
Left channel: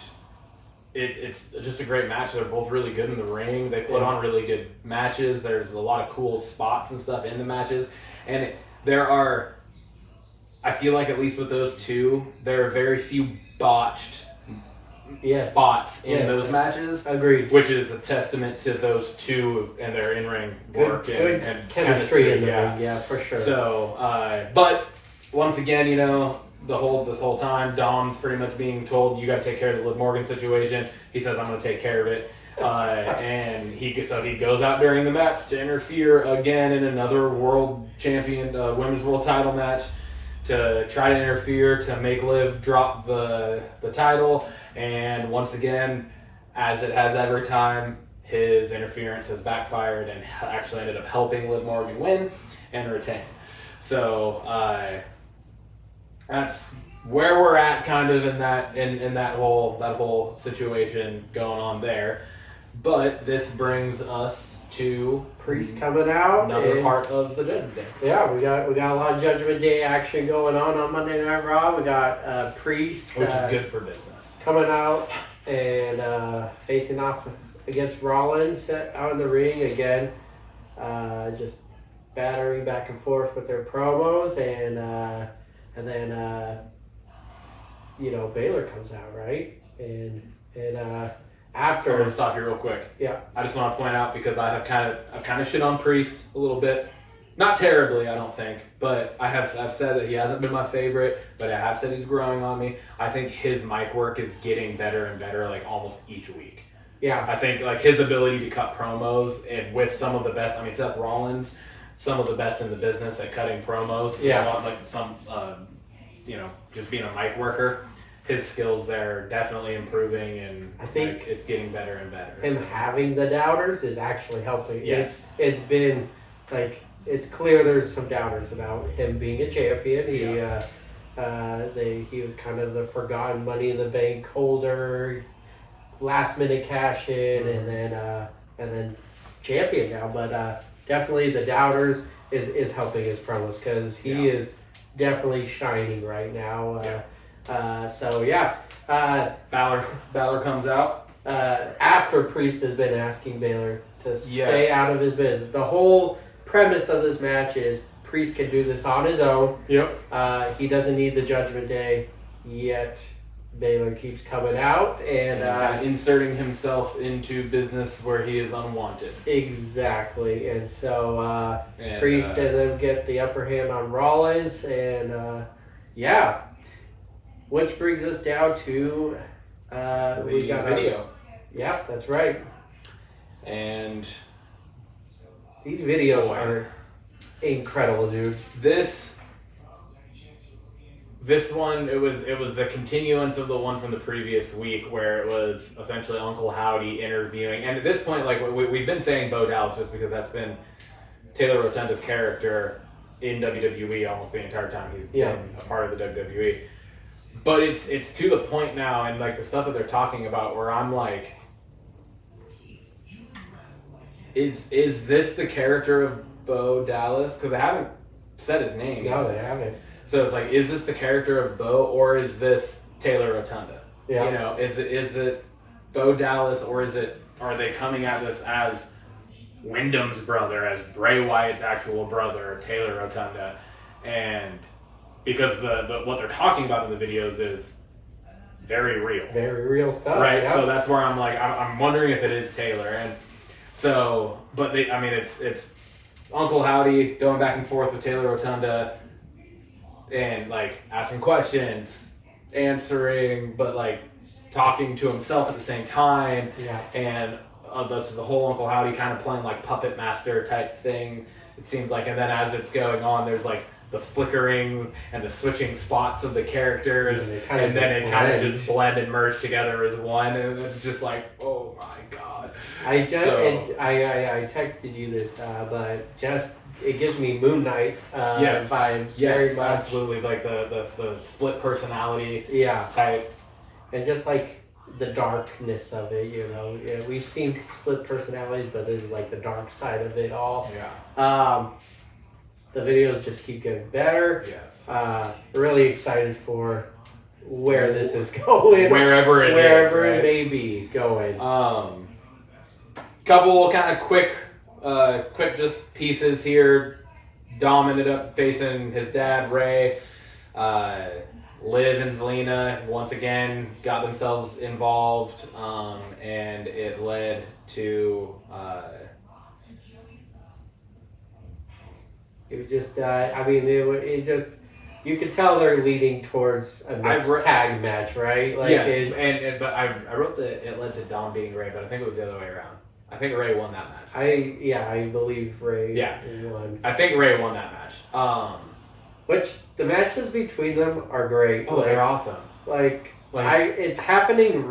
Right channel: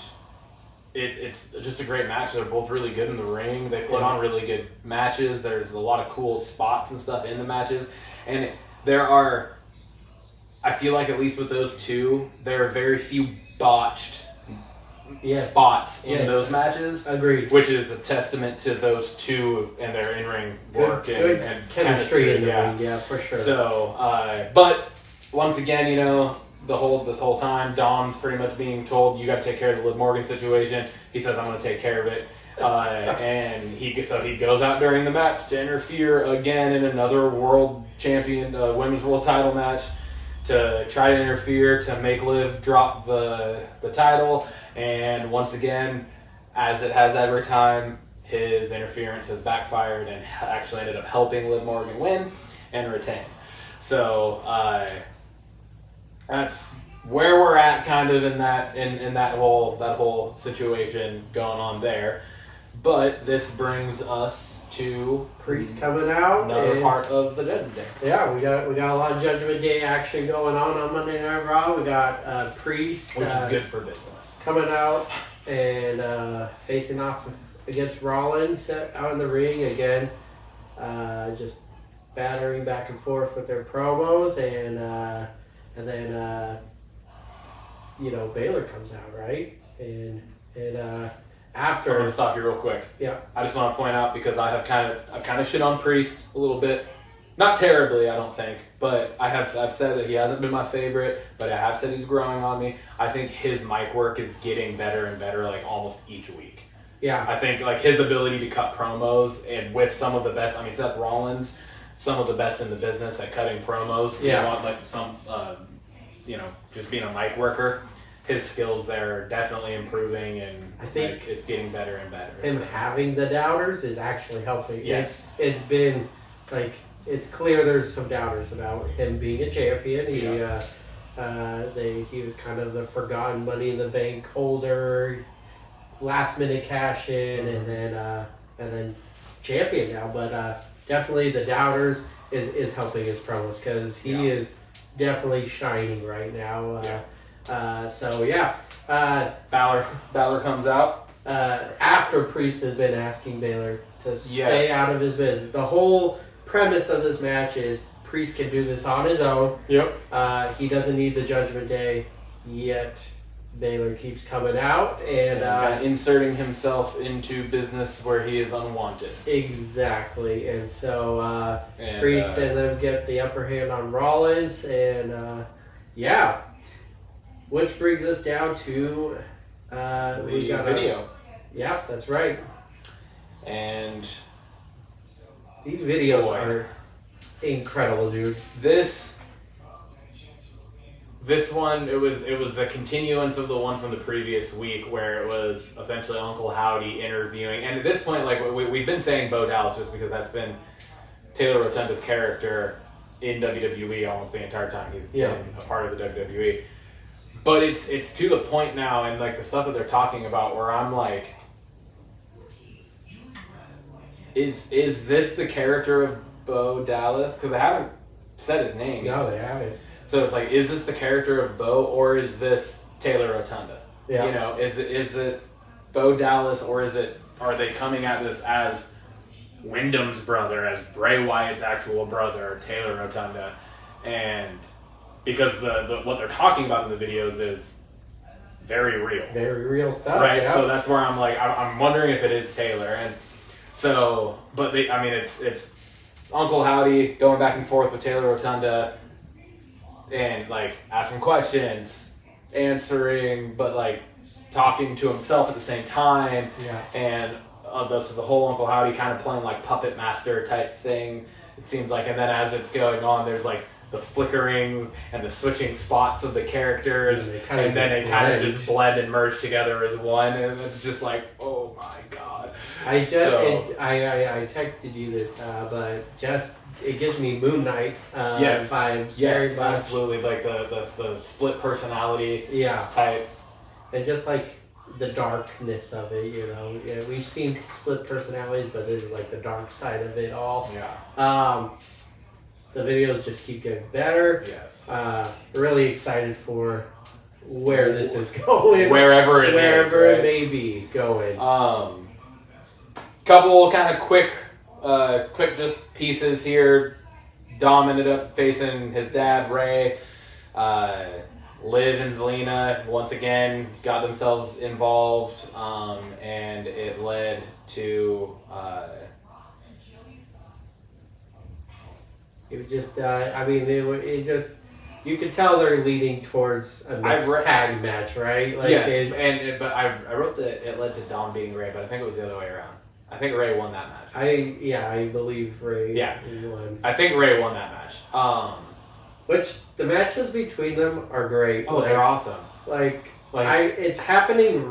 it's just a great match. They're both really good in the ring. They put on really good matches. There's a lot of cool spots and stuff in the matches, and I feel like at least with those two, there are very few botched spots in those matches. Agreed. Which is a testament to those two and their in-ring work good and chemistry in the ring. Yeah, for sure. So, but once again, you know, this whole time, Dom's pretty much being told, you got to take care of the Liv Morgan situation. He says, I'm going to take care of it. And he goes out during the match to interfere again in another world champion, women's world title match, to try to interfere to make Liv drop the title. And once again, as it has every time, his interference has backfired and actually ended up helping Liv Morgan win and retain. So that's where we're at, kind of in that whole situation going on there. But this brings us to Priest coming out. another part of the Judgment Day. Yeah, we got a lot of Judgment Day action going on Monday Night Raw. We got Priest, Which is good for business. coming out and facing off against Rollins out in the ring again. Just battering back and forth with their promos, and then Baylor comes out, right? And after, I'm gonna stop you real quick. Yeah. I just want to point out, because I've kind of shit on Priest a little bit, not terribly, I don't think, but I've said that he hasn't been my favorite, but I have said he's growing on me. I think his mic work is getting better and better, like almost each week. Yeah. I think like his ability to cut promos, and with some of the best, I mean, Seth Rollins, some of the best in the business at cutting promos. Yeah. You know, like some, just being a mic worker. His skills there are definitely improving, and I think it's getting better and better. Him having the doubters is actually helping. Yes. It's been like, it's clear there's some doubters about him being a champion. He was kind of the forgotten Money in the Bank holder, last minute cash in, and then champion now. But definitely the doubters is helping his promos, because he is definitely shining right now. Balor comes out after Priest has been asking Baylor to stay out of his business. The whole premise of this match is Priest can do this on his own. Yep. He doesn't need the Judgment Day, yet Baylor keeps coming out and inserting himself into business where he is unwanted. Exactly. And so Priest and them get the upper hand on Rollins, and which brings us down to we got video. Yeah, that's right. And these videos are incredible, dude. This one, it was the continuance of the one from the previous week, where it was essentially Uncle Howdy interviewing. And at this point, like we've been saying Bo Dallas, just because that's been Taylor Rotunda's character in WWE almost the entire time he's been a part of the WWE. But it's to the point now, and like the stuff that they're talking about, where I'm like, is this the character of Bo Dallas? Because they haven't said his name. No, they haven't. So it's like, is this the character of Bo, or is this Taylor Rotunda? Yeah. You know, is it Bo Dallas, or are they coming at this as Wyndham's brother, as Bray Wyatt's actual brother, Taylor Rotunda? And because the what they're talking about in the videos is very real. Very real stuff. Right, Yeah. so that's where I'm like, I'm wondering if it is Taylor. And so, but it's Uncle Howdy going back and forth with Taylor Rotunda and like asking questions, answering, but like talking to himself at the same time. Yeah. And that's the whole Uncle Howdy kind of playing like puppet master type thing, it seems like. And then as it's going on, there's like the flickering and the switching spots of the characters, and then it kind of just blend and merge together as one, and it's just like, oh my god. I texted you this, but just it gives me Moon Knight vibes very much. Absolutely, like the split personality type, and just like the darkness of it, Yeah, we've seen split personalities, but this is like the dark side of it all. Yeah. The videos just keep getting better. Yes. Really excited for where this is going. Wherever it may be going. Couple kind of quick just pieces here. Dom ended up facing his dad, Ray. Liv and Zelina once again got themselves involved, and it led to... It was just, you could tell they're leading towards a next tag match, right? Like yes, but I wrote that it led to Dom beating Ray, but I think it was the other way around. I think Ray won that match. I believe Ray won. I think Ray won that match. Which, the matches between them are great. Oh, they're awesome. It's happening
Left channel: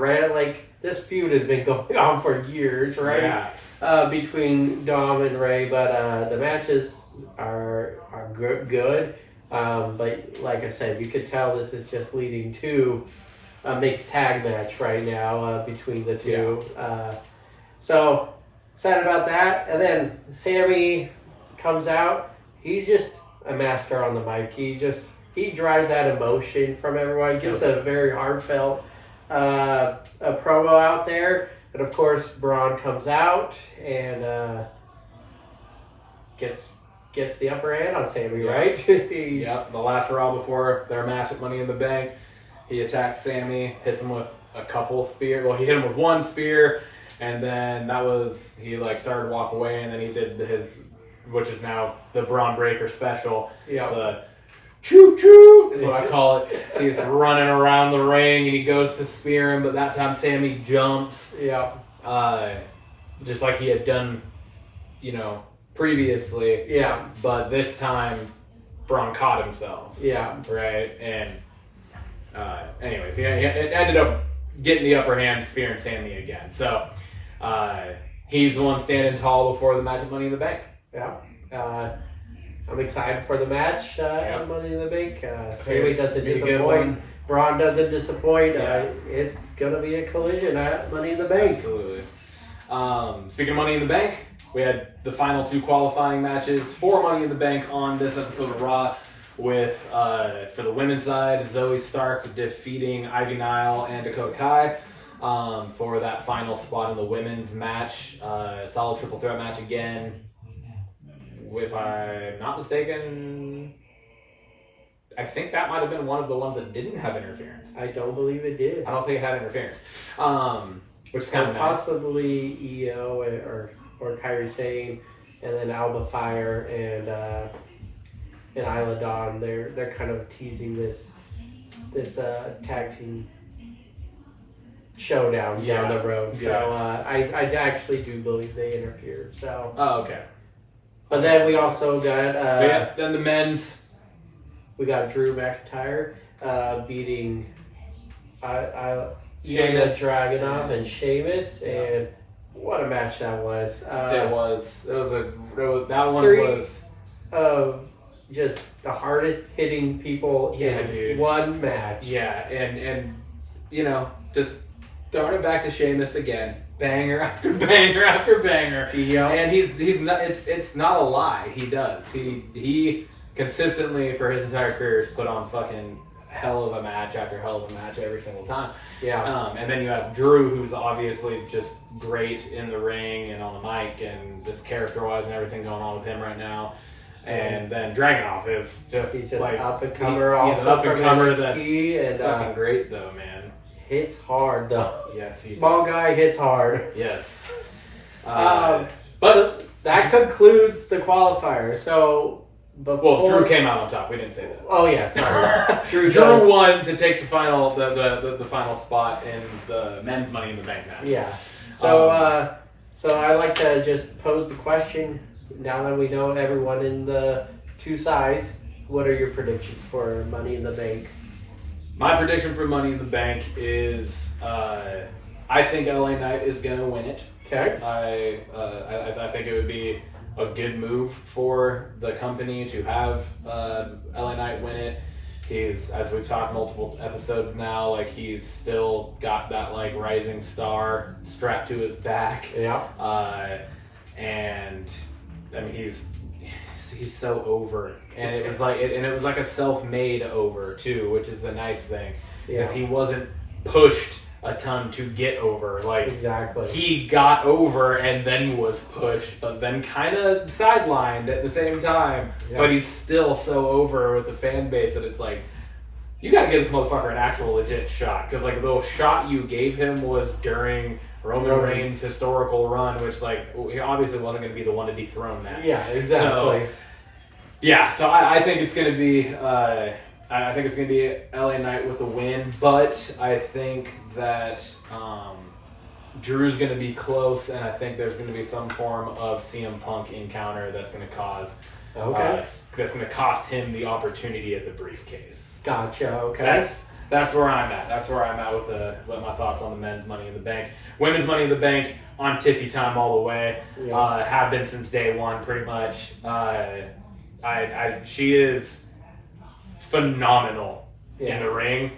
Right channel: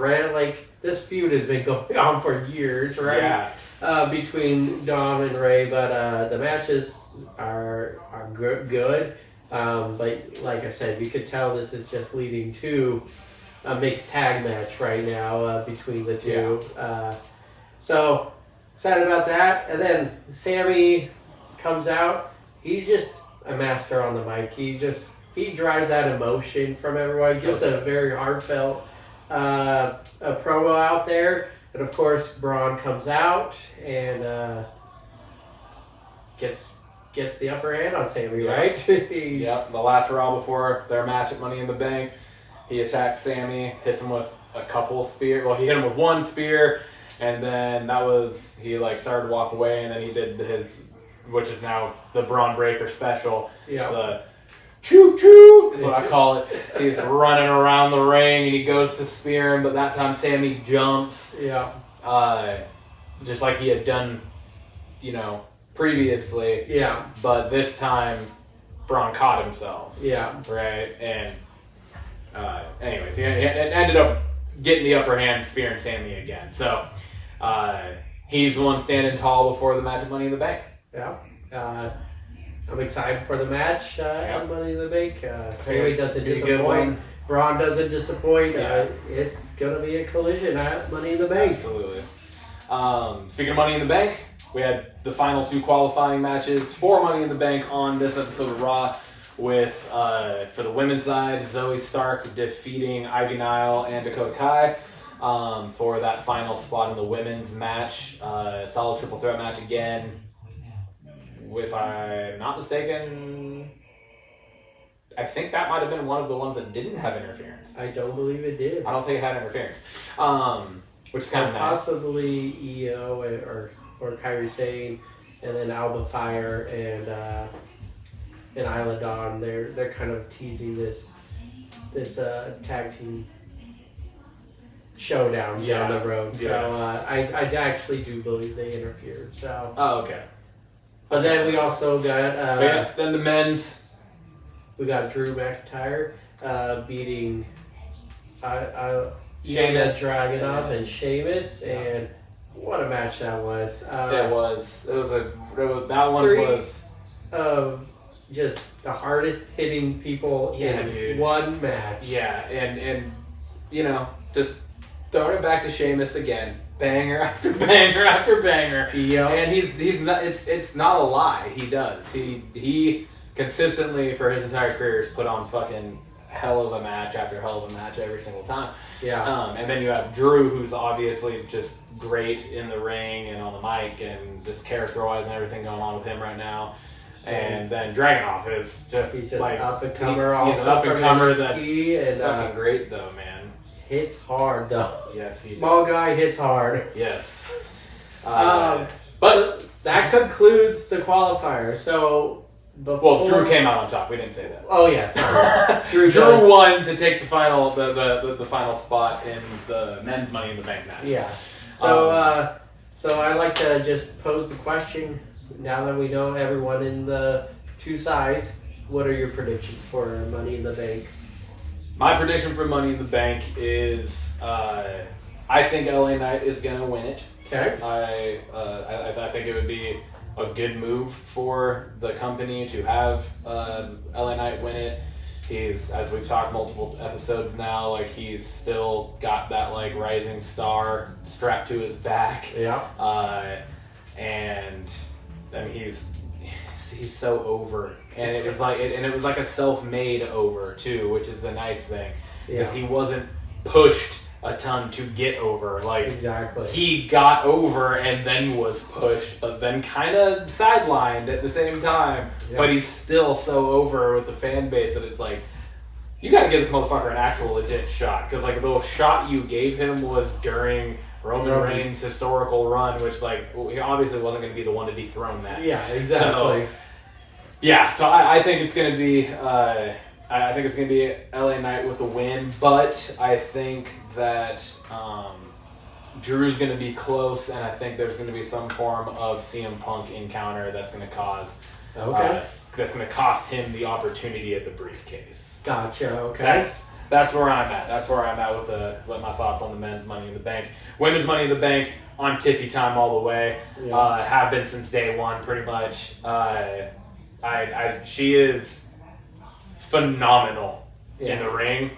this feud has been going on for years, right? Yeah. Between Dom and Ray, but the matches are good. But like I said, you could tell this is just leading to a mixed tag match right now between the two. Yeah. So excited about that. And then Sammy comes out. He's just a master on the mic. He drives that emotion from everyone. Gives a very heartfelt a promo out there. And of course, Braun comes out and gets the upper hand on Sammy, right? Yep, the last Raw before their match at Money in the Bank, he attacked Sammy, hits him with a couple spears. Well, he hit him with one spear, and then he started to walk away, and then he did his, which is now the Braun Breaker special. Yeah. The choo choo is what I call it. He's running around the ring, and he goes to spear him, but that time Sammy jumps. Yeah. Just like he had done, previously. Yeah. But this time, Braun caught himself. Yeah. Right? And anyways, he ended up getting the upper hand, spearing Sammy again. So he's the one standing tall before the match at Money in the Bank. Yeah. I'm excited for the match at Money in the Bank. Sammy doesn't disappoint. Braun doesn't disappoint. Yeah. It's going to be a collision at Money in the Bank. Absolutely. Speaking of Money in the Bank, we had the final two qualifying matches for Money in the Bank on this episode of Raw with, for the women's side, Zoe Stark defeating Ivy Nile and Dakota Kai for that final spot in the women's match. Solid triple threat match again. If I'm not mistaken, I think that might have been one of the ones that didn't have interference. I don't believe it did. I don't think it had interference. Which is kind of possibly EO or Kairi Sane, and then Alba Fire and Isla Dawn. They're kind of teasing this tag team showdown down the road. So I actually do believe they interfered. So. Oh, okay. But then we also got then the men's. We got Drew McIntyre beating Sheamus Dragunov and Sheamus, and what a match that was! That one was just the hardest hitting people in one match. Yeah, and just throwing it back to Sheamus again, banger after banger after banger. Yeah, and he's not. It's not a lie. He does. He consistently for his entire career has put on fucking hell of a match after hell of a match every single time. Yeah. And then you have Drew, who's obviously just great in the ring and on the mic and just character-wise and everything going on with him right now. And then Dragunov is just he's just like up and comer. He's an up and comer that's and fucking great though, man. hits hard though. Yes, he Small does. guy hits hard. Yes. But that concludes the qualifier. So before... Well, Drew came out on top. We didn't say that. Oh yeah, sorry. Drew won to take the final the final spot in the men's Money in the Bank match. Yeah. So so I like to just pose the question. Now that we know everyone in the two sides, what are your predictions for Money in the Bank? My prediction for Money in the Bank is I think LA Knight is going to win it. Okay. I think it would be a good move for the company to have LA Knight win it. He's, as we've talked multiple episodes now, like he's still got that like rising star strapped to his back. Yeah. And I mean he's so over, and it was like it was like a self-made over too, which is the nice thing, because he wasn't pushed a ton to get over. Like exactly, he got over and then was pushed, but then kind of sidelined at the same time. Yeah. But he's still so over with the fan base that it's like, you got to give this motherfucker an actual legit shot, because like the shot you gave him was during Roman Reigns' historical run, which like he obviously wasn't going to be the one to dethrone that. Yeah, exactly. So I think it's going to be I think it's going to be LA Knight with the win, but I think that Drew's going to be close, and I think there's going to be some form of CM Punk encounter that's going to cause that's going to cost him the opportunity at the briefcase. Gotcha. Okay. That's where I'm at. That's where I'm at with my thoughts on the men's Money in the Bank. Women's Money in the Bank, on Tiffy time all the way. Yeah. Have been since day one, pretty much. She is phenomenal in the ring.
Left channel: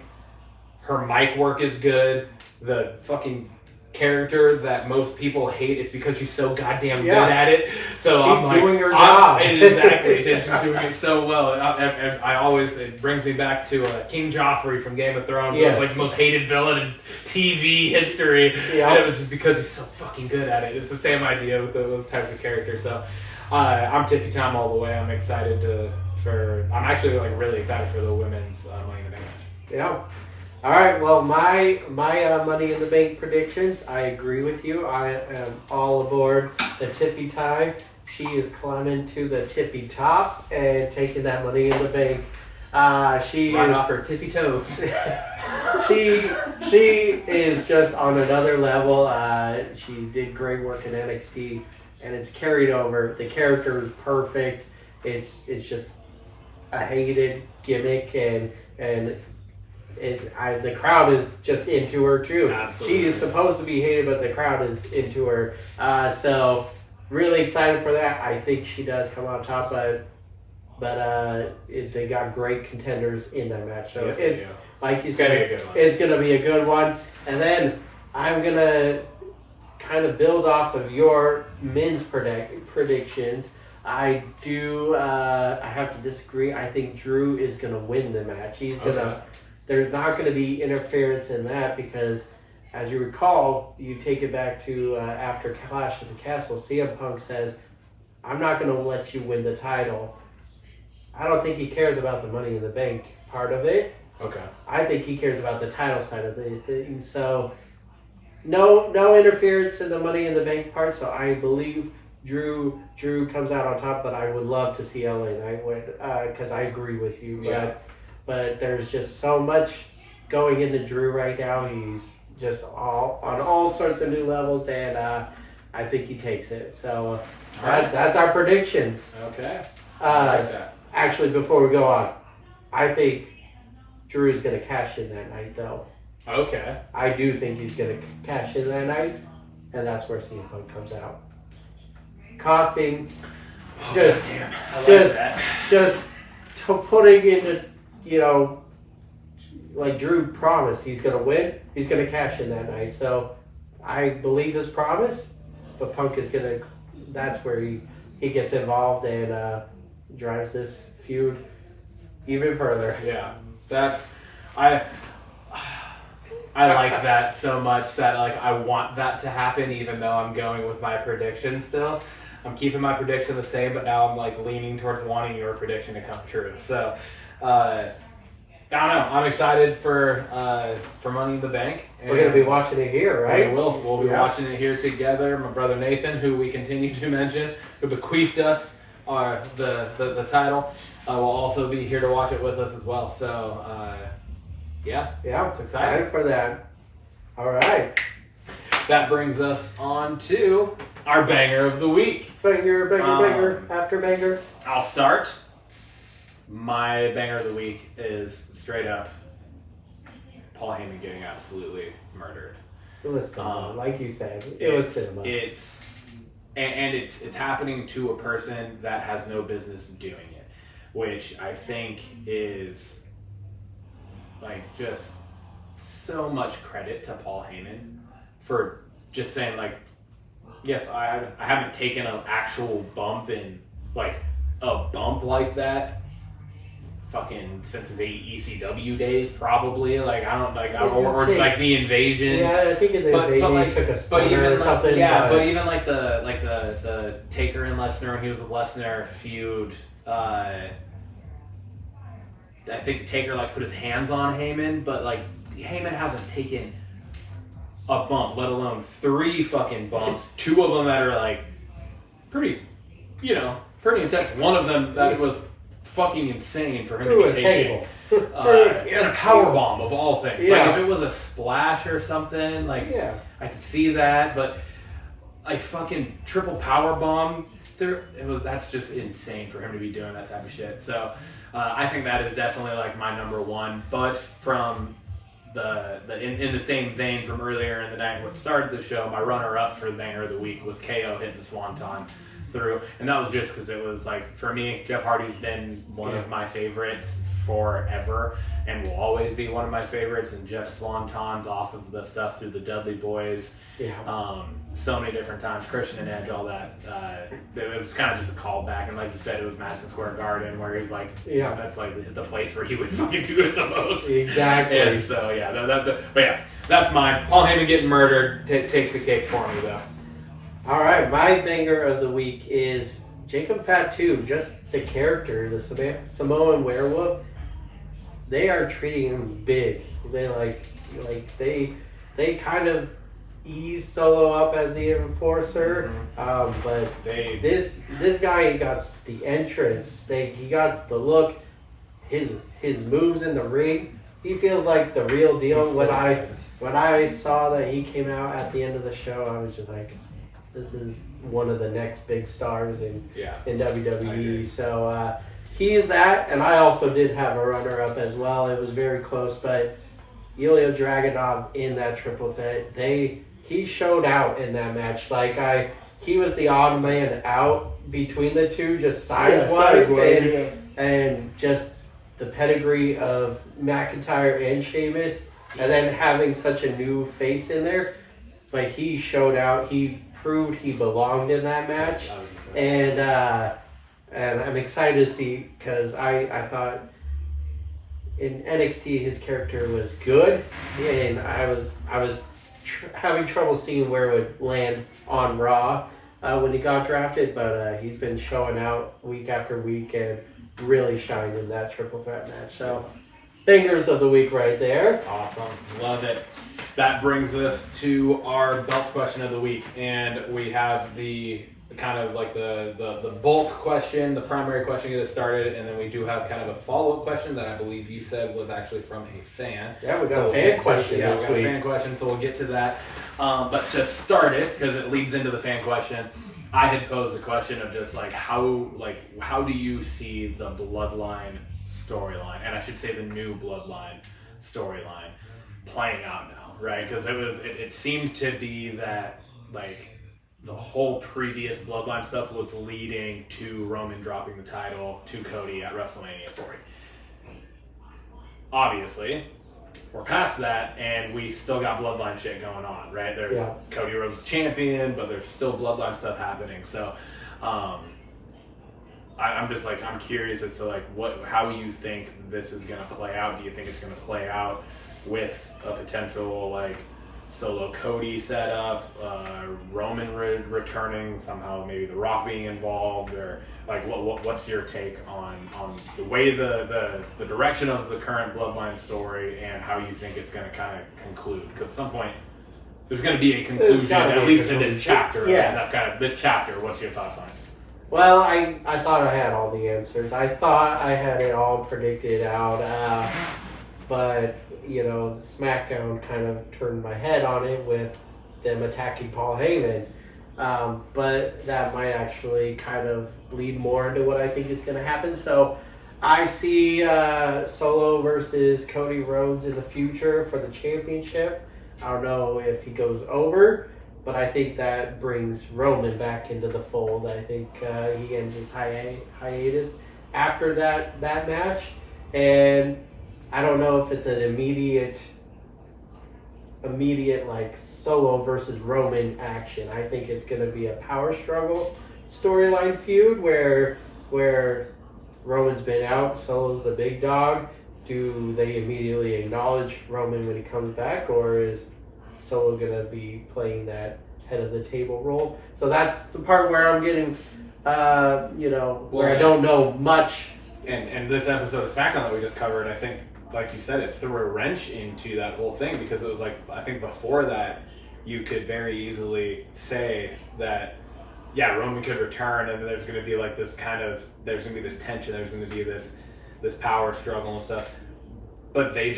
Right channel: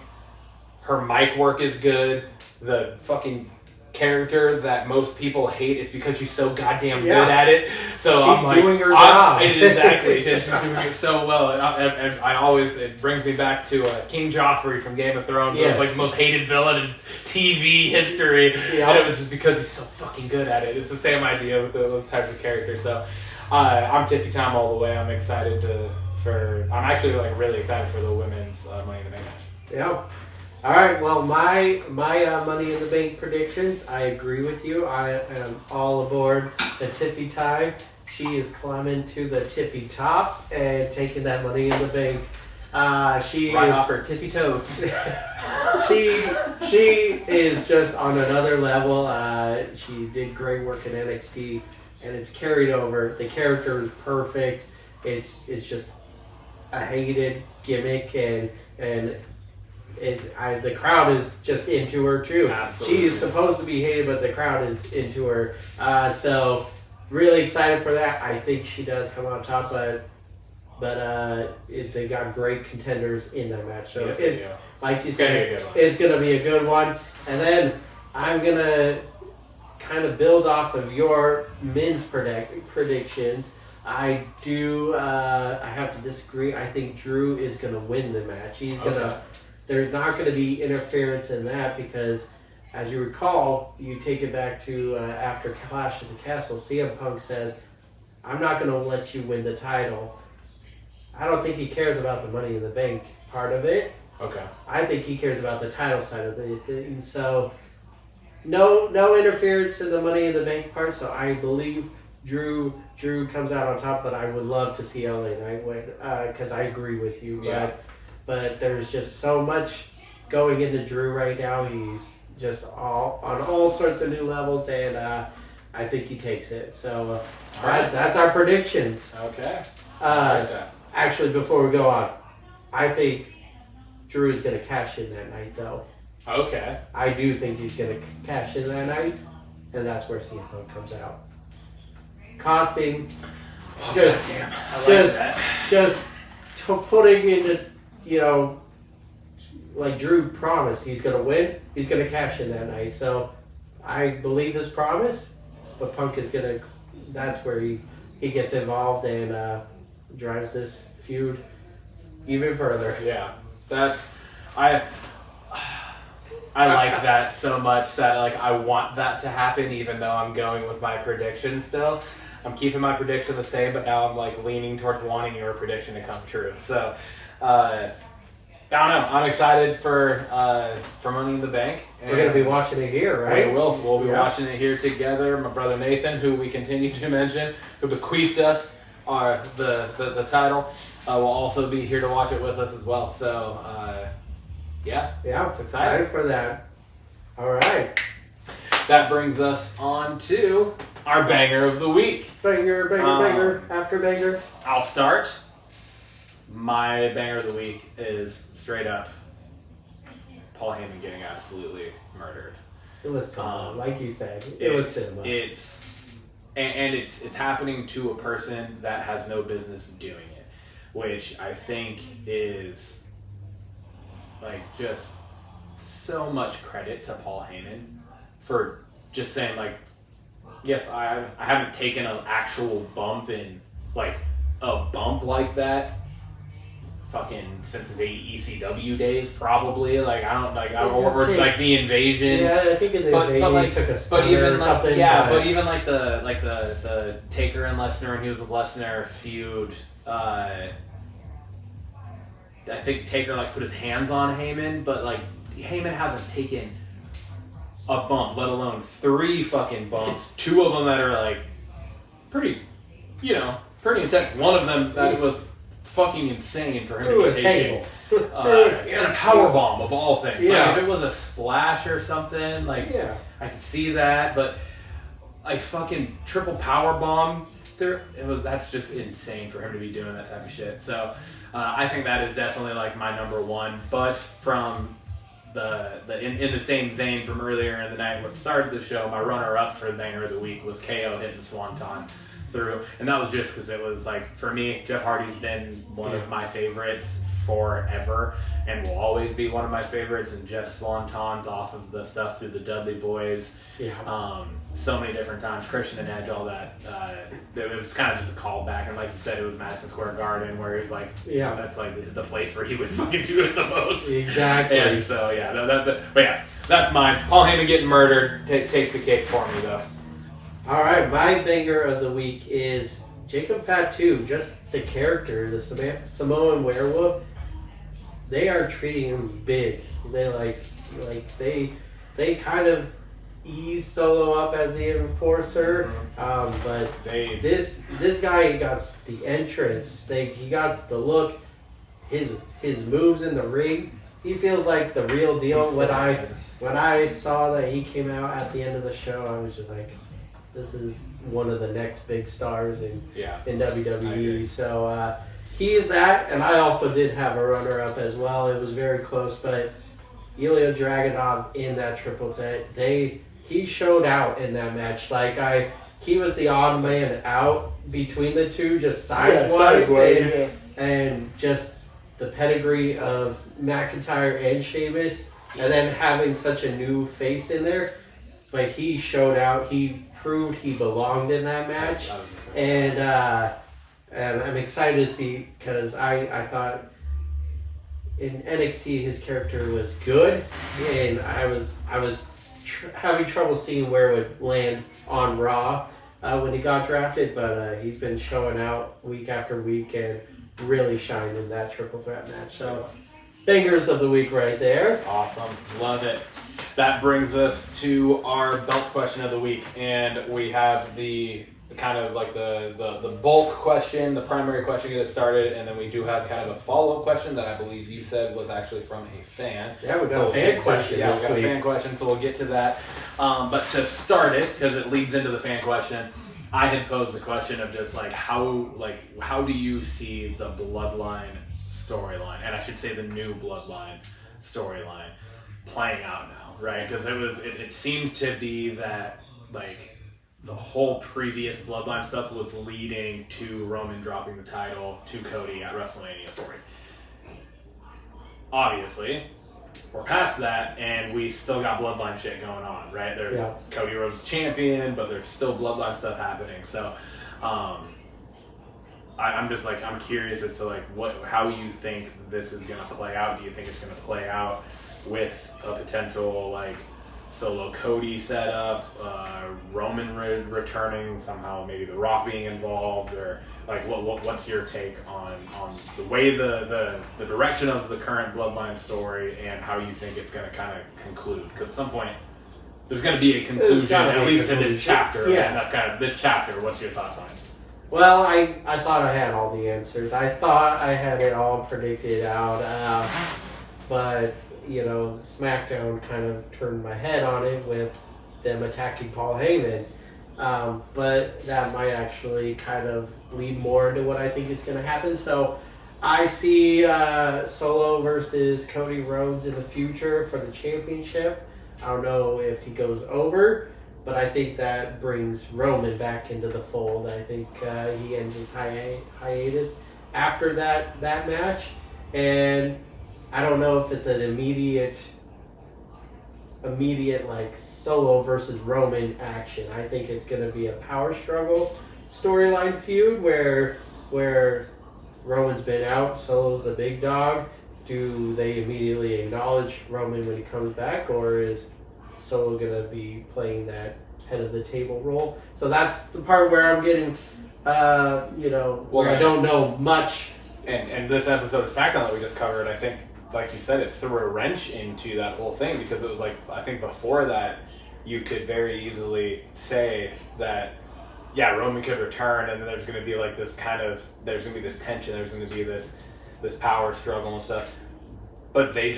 Her mic work is good. The fucking character that most people hate is because she's so goddamn good at it. So she's doing her job. Exactly. She's doing it so well. And I always, it brings me back to King Joffrey from Game of Thrones. Yes. Like the most hated villain in TV history. Yeah. And it was just because he's so fucking good at it. It's the same idea with those types of characters. So I'm Tiffy Tom all the way. I'm excited I'm actually like really excited for the women's Money in the Bank match. Yeah. All right. Well, my Money in the Bank predictions. I agree with you. I am all aboard the Tiffy tie. She is climbing to the Tiffy top and taking that Money in the Bank. She right is off her tippy toes. she is just on another level. She did great work in NXT, and it's carried over. The character is perfect. It's just a hated gimmick, and the crowd is just into her too. Absolutely. She is supposed to be hated, but the crowd is into her. So really excited for that. I think she does come on top, but they got great contenders in that match. So it's like you said, it's gonna be a good one. And then I'm gonna kind of build off of your men's predictions. I have to disagree. I think Drew is gonna win the match. He's gonna. There's not going to be interference in that because, as you recall, you take it back to after Clash at the Castle, CM Punk says, I'm not going to let you win the title. I don't think he cares about the Money in the Bank part of it. Okay. I think he cares about the title side of the thing. So, no interference in the Money in the Bank part. So I believe Drew comes out on top, but I would love to see LA Knight win because I agree with you. Yeah. But there's just so much going into Drew right now. He's just on all sorts of new levels, and I think he takes it. So that's our predictions. Okay. Actually, before we go on, I think Drew is going to cash in that night, though. Okay. I do think he's going to cash in that night, and that's where CM Punk comes out. Costing, just putting into. Like Drew promised, he's going to win. He's going to cash in that night. So I believe his promise, but Punk is going to, that's where he gets involved and drives this feud even further. Yeah. I like that so much that like I want that to happen, even though I'm going with my prediction still. I'm keeping my prediction the same, but now I'm like leaning towards wanting your prediction to come true. So, I don't know. I'm excited for Money in the Bank. We're going to be watching it here, right? We'll be watching it here together. My brother Nathan, who we continue to mention, who bequeathed us the title, will also be here to watch it with us as well. So, yeah, it's excited for that. All right. That brings us on to our banger of the week. Banger, after banger. I'll start. My banger of the week is straight up Paul Heyman getting absolutely murdered. It was cinema, like you said. It was cinema. It's happening to a person that has no business doing it, which I think is like just so much credit to Paul Heyman for just saying like, yes, I haven't taken an actual bump in like a bump like that fucking since the ECW days, probably. Like I don't like or like the invasion. Yeah, I think in the invasion he took a stunner or something. Yeah, but even like the Taker and Lesnar, and he was with Lesnar feud. I think Taker like put his hands on Heyman, but like Heyman hasn't taken a bump, let alone 3 fucking bumps. 2 of them that are like pretty intense. One of them that was fucking insane for him to be taking. A power bomb of all things. Yeah. Like if it was a splash or something, like I could see that, but a fucking triple power bomb that's just insane for him to be doing that type of shit. So I think that is definitely like my number one. But from in the same vein from earlier in the night when it started the show, my runner up for the banger of the week was KO hitting the Swanton through, and that was just because it was like, for me, Jeff Hardy's been one of my favorites forever and will always be one of my favorites, and Jeff Swantons off of the stuff through the Dudley Boys, so many different times, Christian and Edge, all that, it was kind of just a callback, and like you said, it was Madison Square Garden where he's like, that's like the place where he would fucking do it the most. Exactly. And so that's mine. Paul Heyman getting murdered takes the cake for me though. All right, my banger of the week is Jacob Fatu. Just the character, the Samoan werewolf. They are treating him big. They they kind of ease Solo up as the enforcer, but this guy got the entrance. He got the look. His moves in the ring. He feels like the real deal. When I saw that he came out at the end of the show, I was just like, this is one of the next big stars in WWE. So he is that, and I also did have a runner-up as well. It was very close, but Ilya Dragunov in that triple threat, he showed out in that match. He was the odd man out between the two, just size-wise, and just the pedigree of McIntyre and Sheamus, and then having such a new face in there. But he showed out. He proved he belonged in that match, and I'm excited to see, because I thought in NXT his character was good, and I was having trouble seeing where it would land on Raw when he got drafted, but he's been showing out week after week and really shined in that triple threat match. So bangers of the week right there. Awesome, love it. That brings us to our belts question of the week, and we have the kind of like the bulk question, the primary question to get it started, and then we do have kind of a follow-up question that I believe you said was actually from a fan. Yeah, we got a fan question this week. We got a fan question, so we'll get to that. But to start it, because it leads into the fan question, I had posed the question of just how do you see the Bloodline storyline, and I should say the new Bloodline storyline playing out now, right? Because it seemed to be that like the whole previous Bloodline stuff was leading to Roman dropping the title to Cody at WrestleMania 40. Obviously, we're past that, and we still got Bloodline shit going on, right? There's Cody Rhodes champion, but there's still Bloodline stuff happening. So, I'm curious as to how you think this is gonna play out. Do you think it's gonna play out with a potential Solo Cody setup, Roman returning somehow, maybe The Rock being involved, or like what's your take on the way the direction of the current Bloodline story and how you think it's going to kind of conclude? Because at some point there's going to be a conclusion, at least to this chapter. Yeah, and that's kind of this chapter. What's your thoughts on it? Well, I thought I had all the answers. I thought I had it all predicted out, but SmackDown kind of turned my head on it with them attacking Paul Heyman. But that might actually kind of lead more into what I think is going to happen. So I see Solo versus Cody Rhodes in the future for the championship. I don't know if he goes over, but I think that brings Roman back into the fold. I think he ends his hiatus after that match. And I don't know if it's an immediate like Solo versus Roman action. I think it's going to be a power struggle storyline feud where Roman's been out, Solo's the big dog. Do they immediately acknowledge Roman when he comes back, or is Solo going to be playing that head of the table role? So that's the part where I'm getting, where I don't know much. And this episode of SmackDown that we just covered, I think, like you said, it threw a wrench into that whole thing, because it was like, I think before that, you could very easily say that, yeah, Roman could return, and there's going to be like this there's going to be this tension, there's going to be this power struggle and stuff. But they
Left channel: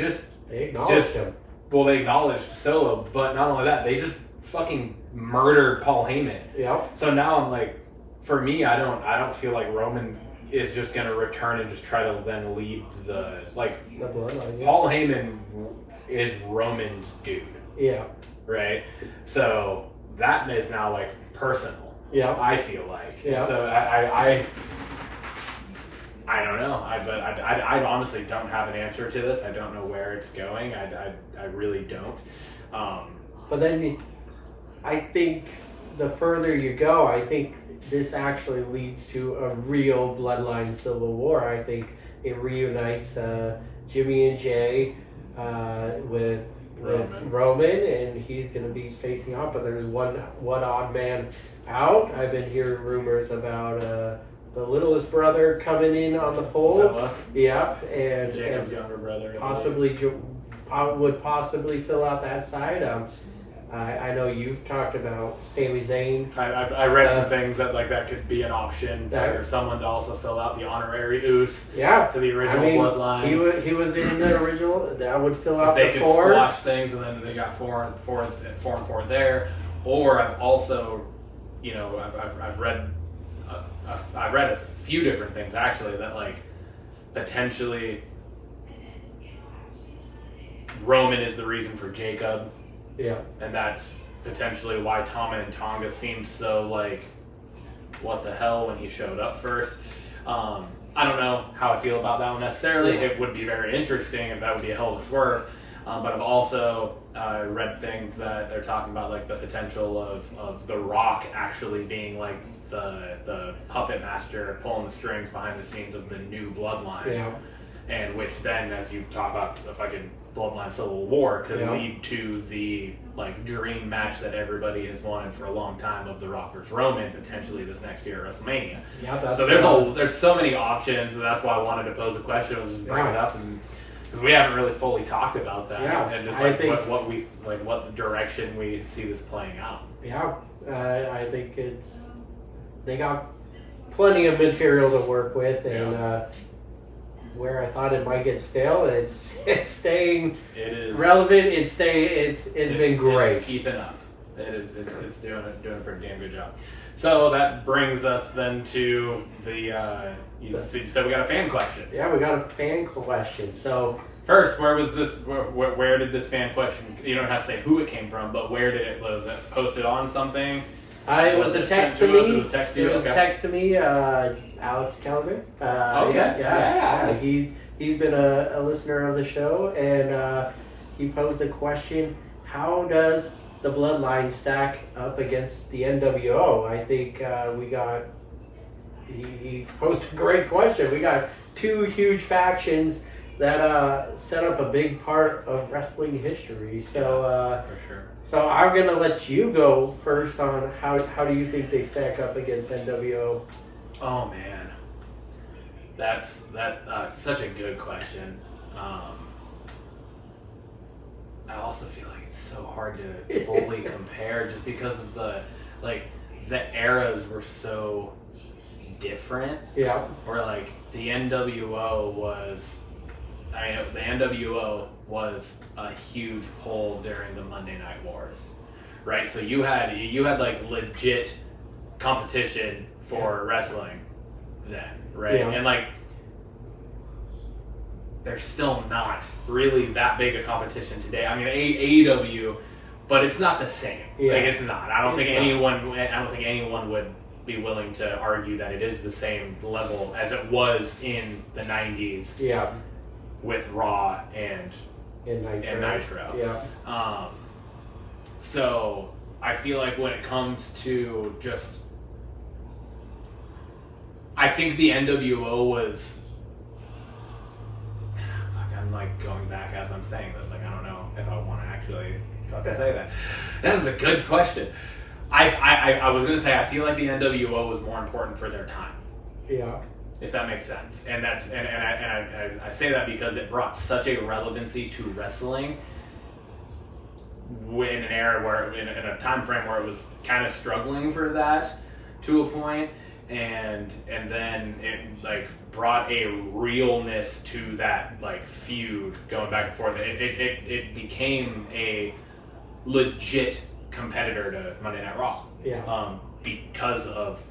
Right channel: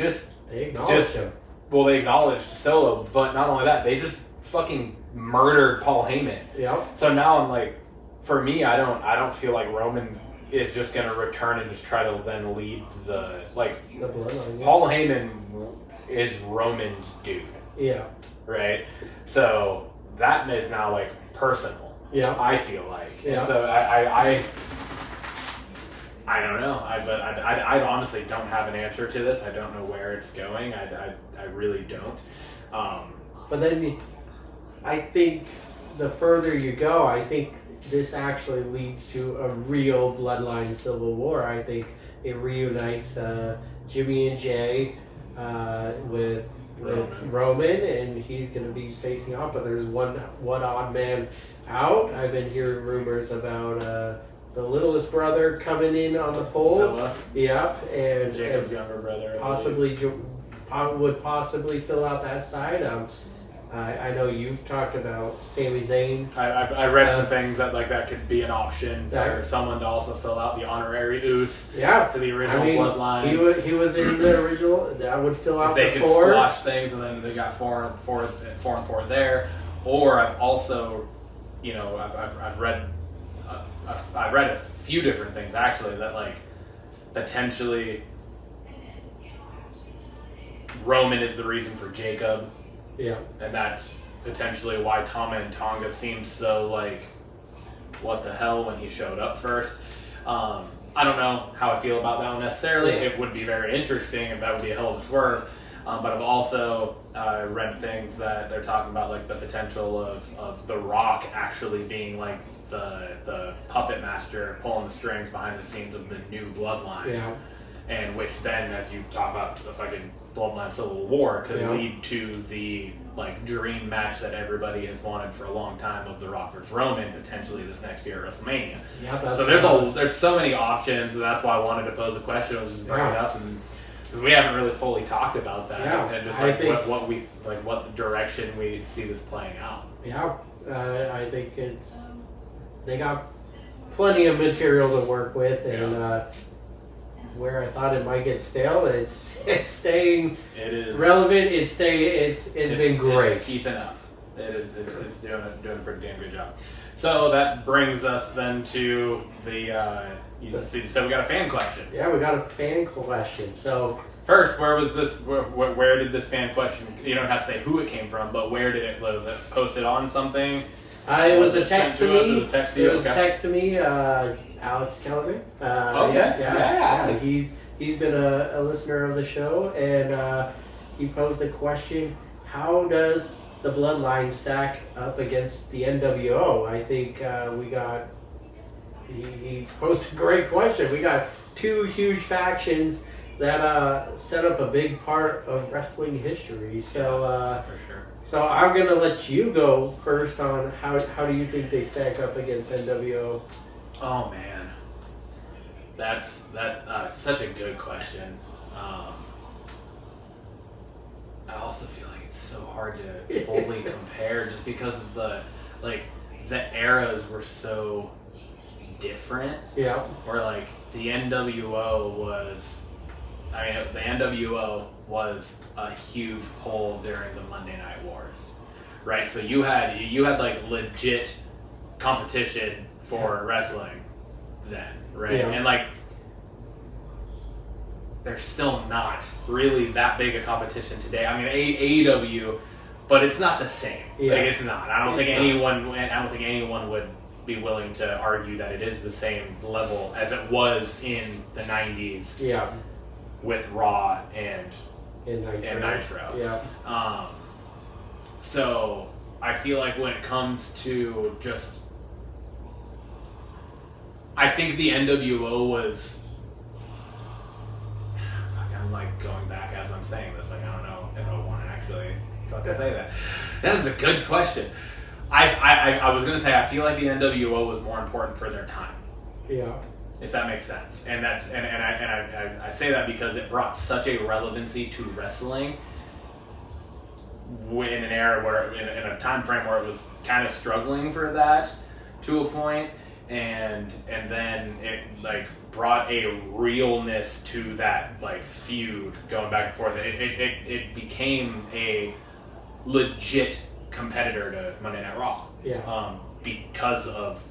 acknowledged him. Well, they acknowledged Solo, but not only that, they just fucking murdered Paul Heyman. Yep. So now I'm like, for me, I don't feel like Roman is just going to return and just try to then lead the bloodline. Yeah. Paul Heyman is Roman's dude. Yeah. Right? So that is now like personal. Yeah. I feel like. Yeah. And so I don't know. I honestly don't have an answer to this. I don't know where it's going. I really don't. But then I think the further you go, I think this actually leads to a real bloodline civil war. I think it reunites Jimmy and Jay with Roman, and he's going to be facing off. But there's one odd man out. I've been hearing rumors about the littlest brother coming in on the fold. Zilla. Yep, and Jacob's younger brother. Possibly would possibly fill out that side. I know you've talked about Sami Zayn. I read some things that could be an option for someone to also fill out the honorary Oos to the original bloodline. He was in the original. That would fill out if the they four. could swatch things, and then they got four and four there. Or I've also, I've read a few different things actually that like potentially Roman is the reason for Jacob. Yeah. And that's potentially why Tama and Tonga seemed so like, what the hell when he showed up first. I don't know how I feel about that one necessarily. Yeah. It would be very interesting, and that would be a hell of a swerve. But I've also read things that they're talking about like the potential of The Rock actually being like the puppet master pulling the strings behind the scenes of the new bloodline. Yeah. And which then, as you talk about the fucking bloodline civil war, could Yeah. lead to the like dream match that everybody has wanted for a long time of The Rock versus Roman, potentially this next year at WrestleMania. Yeah, that's so there's so many options, and that's why I wanted to pose a question, was just bring it up, and because we haven't really fully talked about that, and just like what direction we see this playing out. Yeah, I think they got plenty of material to work with, and where I thought it might get stale, it's staying relevant. It's been great. It's keeping up. It's doing a pretty damn good job. So that brings us then to the you said we got a fan question. Yeah, we got a fan question. So first, where was this? Where did this fan question? You don't have to say who it came from, but where did it? Was it posted on something? It was a text to me. It was a text to me. Alex Callaghan. Yeah. He's been a listener of the show, and he posed the question: how does the Bloodline stack up against the NWO? I think he posed a great question. We got two huge factions that set up a big part of wrestling history. So for sure. So I'm gonna let you go first on how do you think they stack up against NWO? Oh man, that's such a good question. I also feel like it's so hard to fully compare just because of the eras were so different. Yeah. Or like the NWO was a huge pull during the Monday Night Wars, right? So you had like legit competition for wrestling then, right? Yeah. And like there's still not really that big a competition today. I mean, AEW, but it's not the same. Yeah. Like it's not. I don't think anyone would be willing to argue that it is the same level as it was in the 90s. Yeah. With Raw and Nitro. Yeah. So I feel like when it comes to just, I think the NWO was. I'm like going back as I'm saying this. Like I don't know if I want to actually fucking say that. That is a good question. I was gonna say I feel like the NWO was more important for their time. Yeah. If that makes sense, and that's and I say that because it brought such a relevancy to wrestling in an era where in a time frame where it was kind of struggling for that to a point, and then it like brought a realness to that like feud going back and forth. It became a legit competitor to Monday Night Raw. Yeah. Because of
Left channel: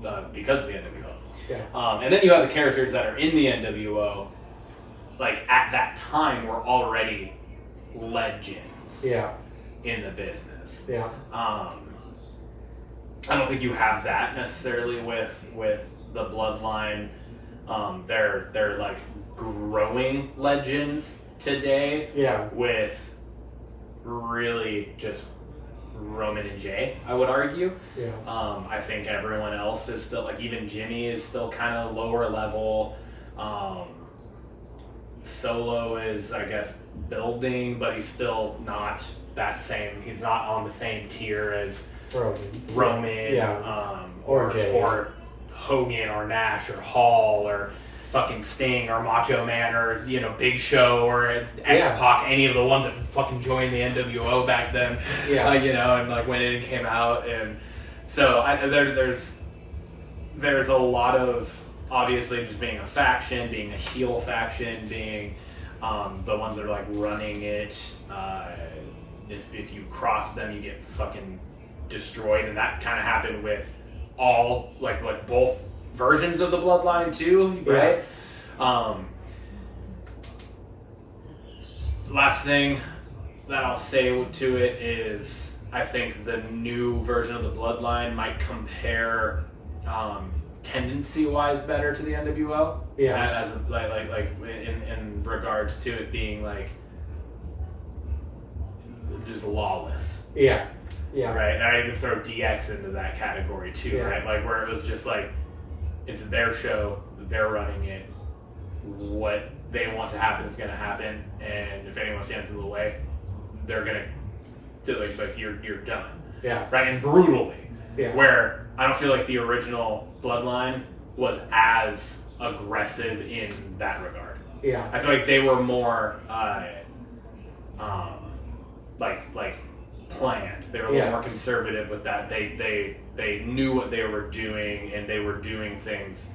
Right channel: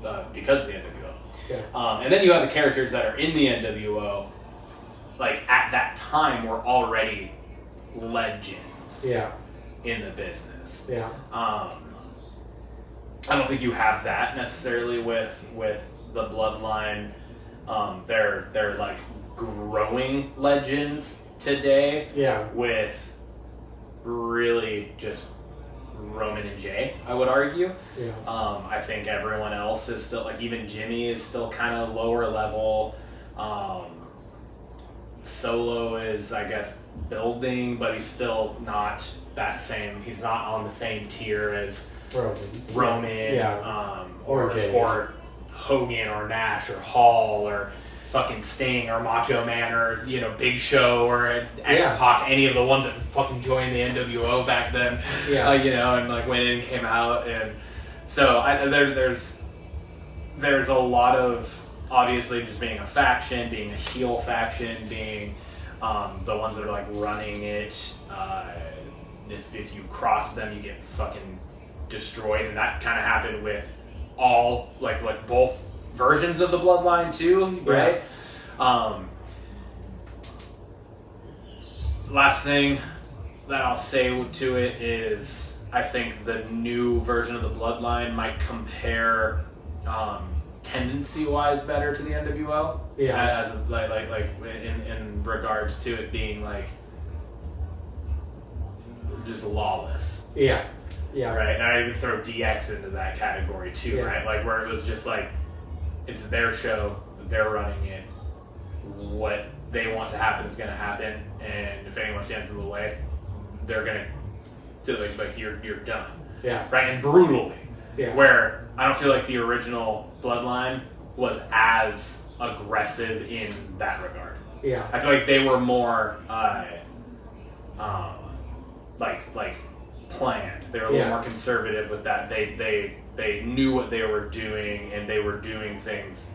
the NWO. Yeah. And then you have the characters that are in the NWO, like at that time were already legends. Yeah. In the business. Yeah. I don't think you have that necessarily with the Bloodline. They're like growing legends today. Yeah. With really just Roman and Jay, I would argue. Yeah. I think everyone else is still like even Jimmy is still kind of lower level. Solo is, I guess, building, but he's still not that same. He's not on the same tier as Roman, or Jay, or Hogan, or Nash, or Hall, or fucking Sting, or Macho Man, or Big Show, or X-Pac, any of the ones that fucking joined the NWO back then. Yeah. And like when it came out, and so there's a lot of obviously just being a faction, being a heel faction, being the ones that are like running it. If you cross them, you get fucking destroyed, and that kind of happened with all like both versions of the Bloodline too, right? Last thing that I'll say to it is I think the new version of the Bloodline might compare tendency-wise better to the NWO. Yeah. As like in regards to it being like just lawless. Yeah. Yeah. Right. And I even throw DX into that category too, right? Like where it was just like it's their show, they're running it. What they want to happen is going to happen, and if anyone stands in the way, they're going to like you're done. Yeah. Right. And brutally. Yeah. Where I don't feel like the original Bloodline was as aggressive in that regard. Yeah. I feel like they were more like planned. They were a little more conservative with that. They knew what they were doing, and they were doing things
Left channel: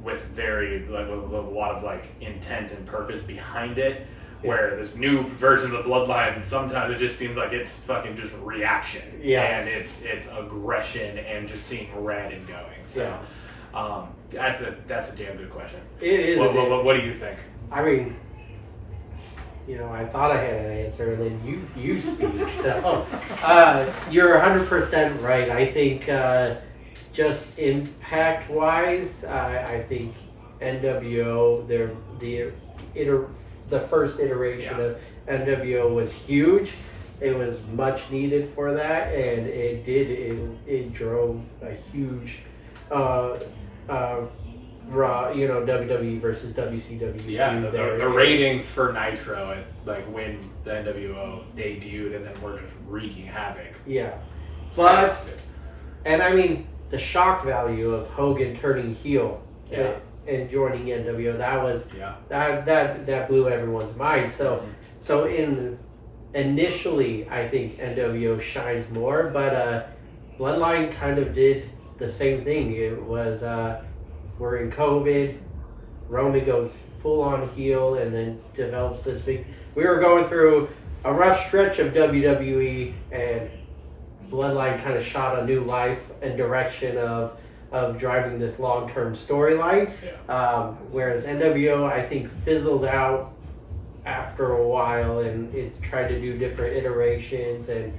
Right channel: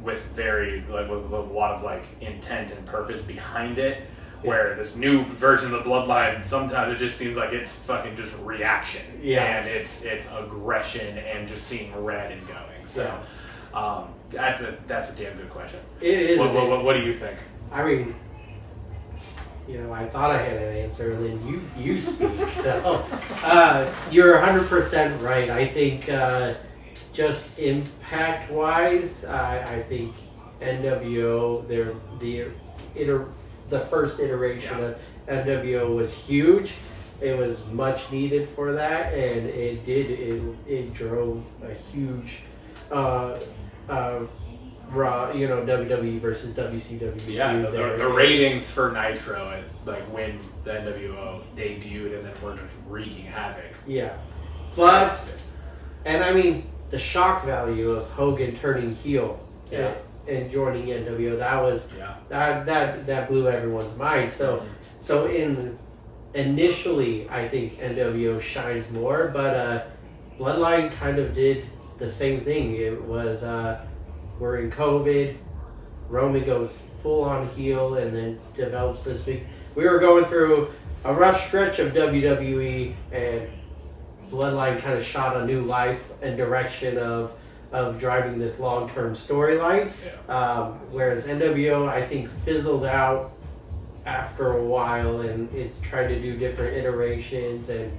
with with a lot of like intent and purpose behind it. Where this new version of the Bloodline, sometimes it just seems like it's fucking just reaction. Yeah. And it's aggression and just seeing red and going. So that's a damn good question. It is. What do you think? I mean, I thought I had an answer, and then you speak. So you're 100% right. I think just impact-wise, I think NWO, the first iteration of NWO was huge. It was much needed for that, and it drove a huge Raw, WWE versus WCW. Yeah, there. the ratings for Nitro when the NWO debuted, and then we're just wreaking havoc. Yeah, but and I mean the shock value of Hogan turning heel and joining NWO, that blew everyone's mind. So initially I think NWO shines more, but Bloodline kind of did the same thing. It was we're in COVID, Roman goes full on heel and then develops this big. We were going through a rough stretch of WWE, and Bloodline kind of shot a new life and direction of driving this long-term storyline. Whereas NWO, I think, fizzled out after a while, and it tried to do different iterations and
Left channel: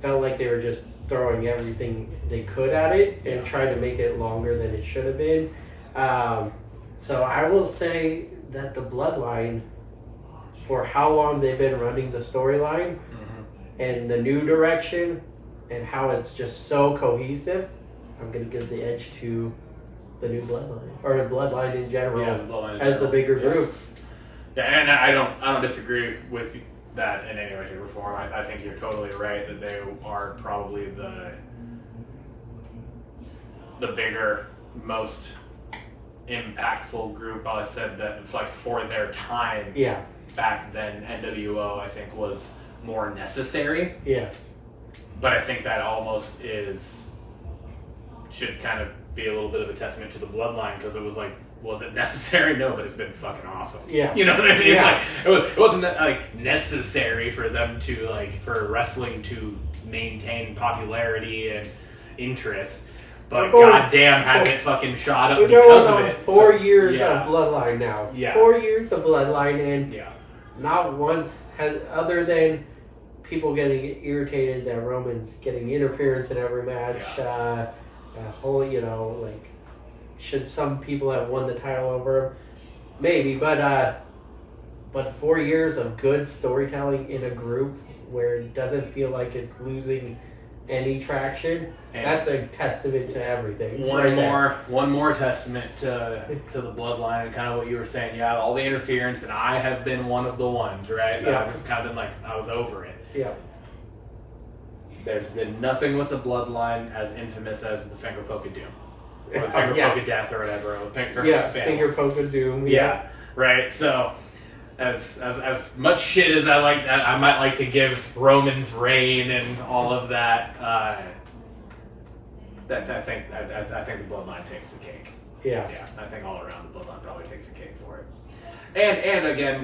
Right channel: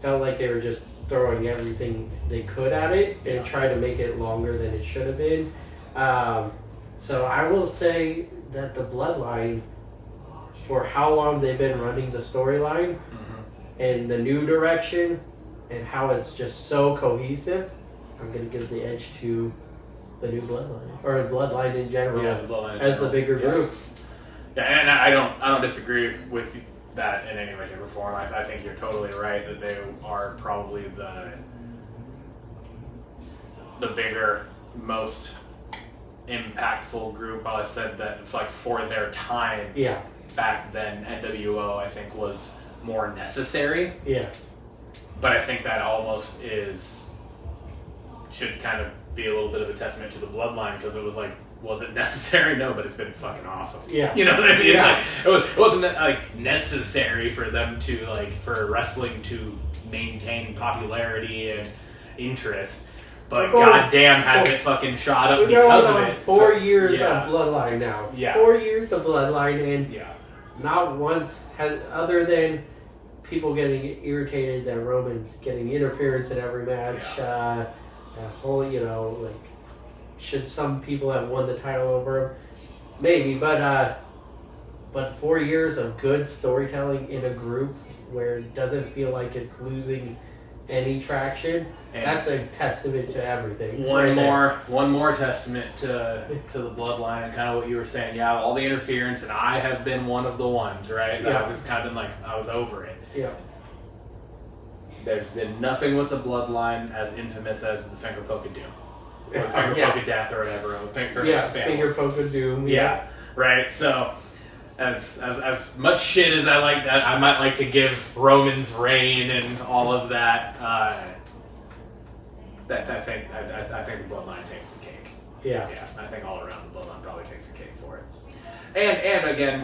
felt like they were just throwing everything they could at it and trying to make it longer than it should have been. So I will say that the Bloodline, for how long they've been running the storyline and the new direction and how it's just so cohesive, I'm going to give the edge to the new Bloodline, or Bloodline in general, as the bigger group. Yeah, and I don't disagree with that in any way, shape, or form. I think you're totally right that they are probably the bigger, most impactful group. I said that it's like for their time. Yeah. Back then, NWO I think was more necessary. Yes. But I think that almost should kind of be a little bit of a testament to the Bloodline, because it was like, was it necessary? No, but it's been fucking awesome. Yeah. You know what I mean? Yeah. Like, it wasn't like necessary for them to for wrestling to maintain popularity and interest, but goddamn has it fucking shot up because of it. 4 years of Bloodline now. Yeah. 4 years of Bloodline, and yeah. Not once has, other than people getting irritated that Roman's getting interference in every match. Yeah. Should some people have won the title over him? Maybe, but 4 years of good storytelling in a group where it doesn't feel like it's losing any traction. And that's a testament to everything. One more testament to the Bloodline and kind of what you were saying. Yeah, all the interference, and I have been one of the ones, right? Yeah. I was kind of I was over it. Yeah. There's been nothing with the Bloodline as infamous as the finger poke of doom, or the finger poke of death, or whatever. Finger poke of doom. Yeah. Right. So, as much shit as I might like to give Roman's reign and all of that. I think the Bloodline takes the cake. Yeah. Yeah. I think all around the Bloodline probably takes the cake for it. And again,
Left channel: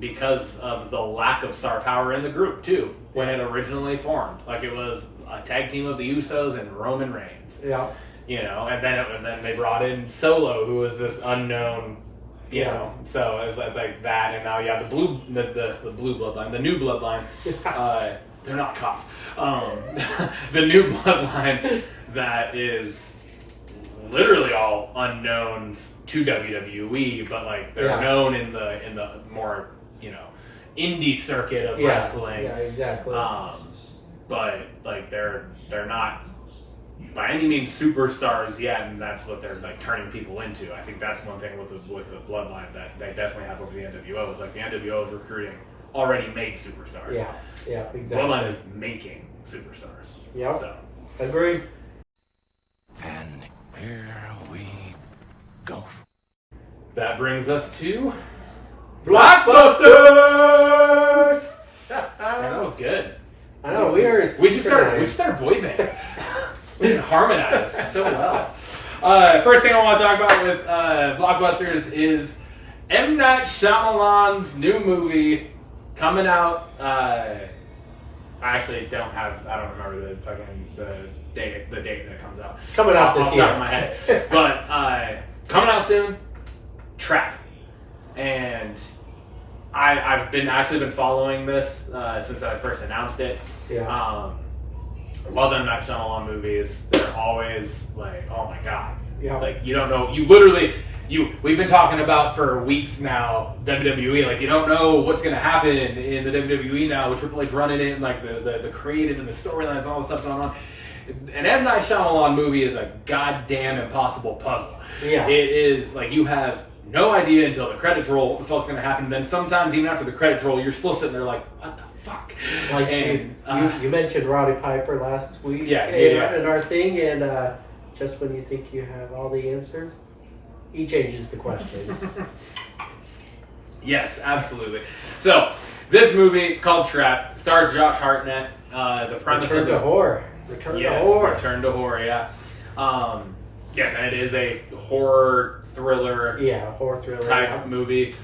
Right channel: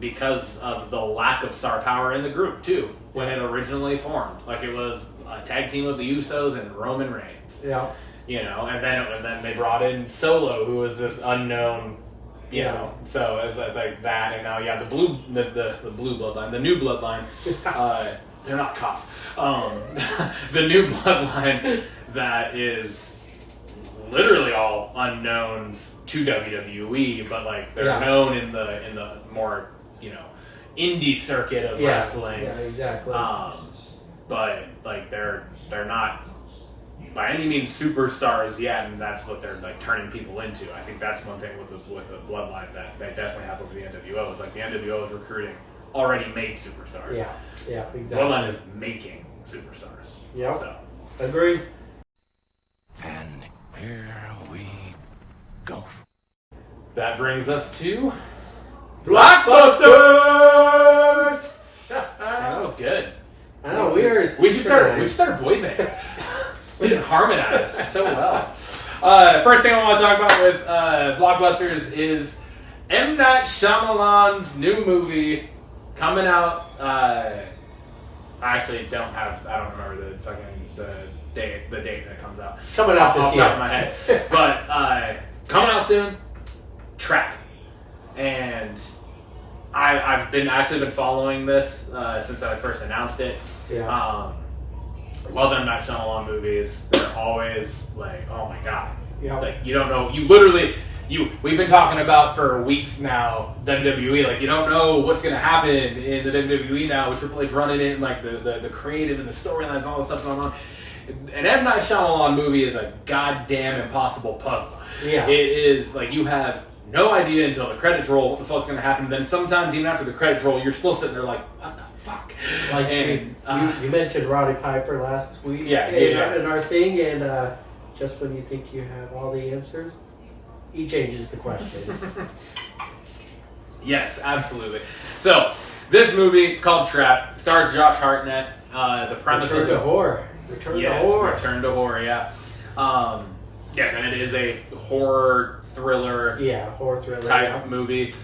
because of the lack of star power in the group too, when it originally formed, it was a tag team of the Usos and Roman Reigns. Yeah. And then they brought in Solo, who was this unknown. So it's like that, and now the blue bloodline, the new bloodline. They're not cops. The new bloodline that is literally all unknowns to WWE, but they're known in the more indie circuit of wrestling. Yeah, exactly. But they're not by any means superstars yet, and that's what they're turning people into. I think that's one thing with the bloodline that they definitely have over the NWO is the NWO is recruiting already made superstars. Yeah, exactly. Bloodline is making superstars. Yeah, so. Agreed. And here we go. That brings us to Blockbusters. That was good. I know we should start a boy band. We can harmonize so well. First thing I want to talk about with Blockbusters is M. Night Shyamalan's new movie coming out. I actually don't remember the date that comes out. Coming out this year. Off the top of my head. But coming out soon. Trap. And I've been following this since I first announced it. Yeah. Love M. Night Shyamalan movies. They're always oh my god. Yeah. You don't know. You literally. We've been talking about for weeks now WWE. You don't know what's going to happen in the WWE now with Triple H running it, and the creative and the storylines, all the stuff going on. an M. Night Shyamalan movie is a goddamn impossible puzzle. Yeah. It is, like, you have no idea until the credits roll what the fuck's going to happen. Then sometimes, even after the credits roll, you're still sitting there like, what the fuck? Like, And, you mentioned Roddy Piper last week Yeah, in our thing, and just when you think you have all the answers, he changes the questions. Yes, absolutely. So, this movie, it's called Trap. Stars Josh Hartnett. The premise Return of to horror. Return to horror. Return to horror, yeah. Yes, and it is a horror thriller Horror thriller type movie.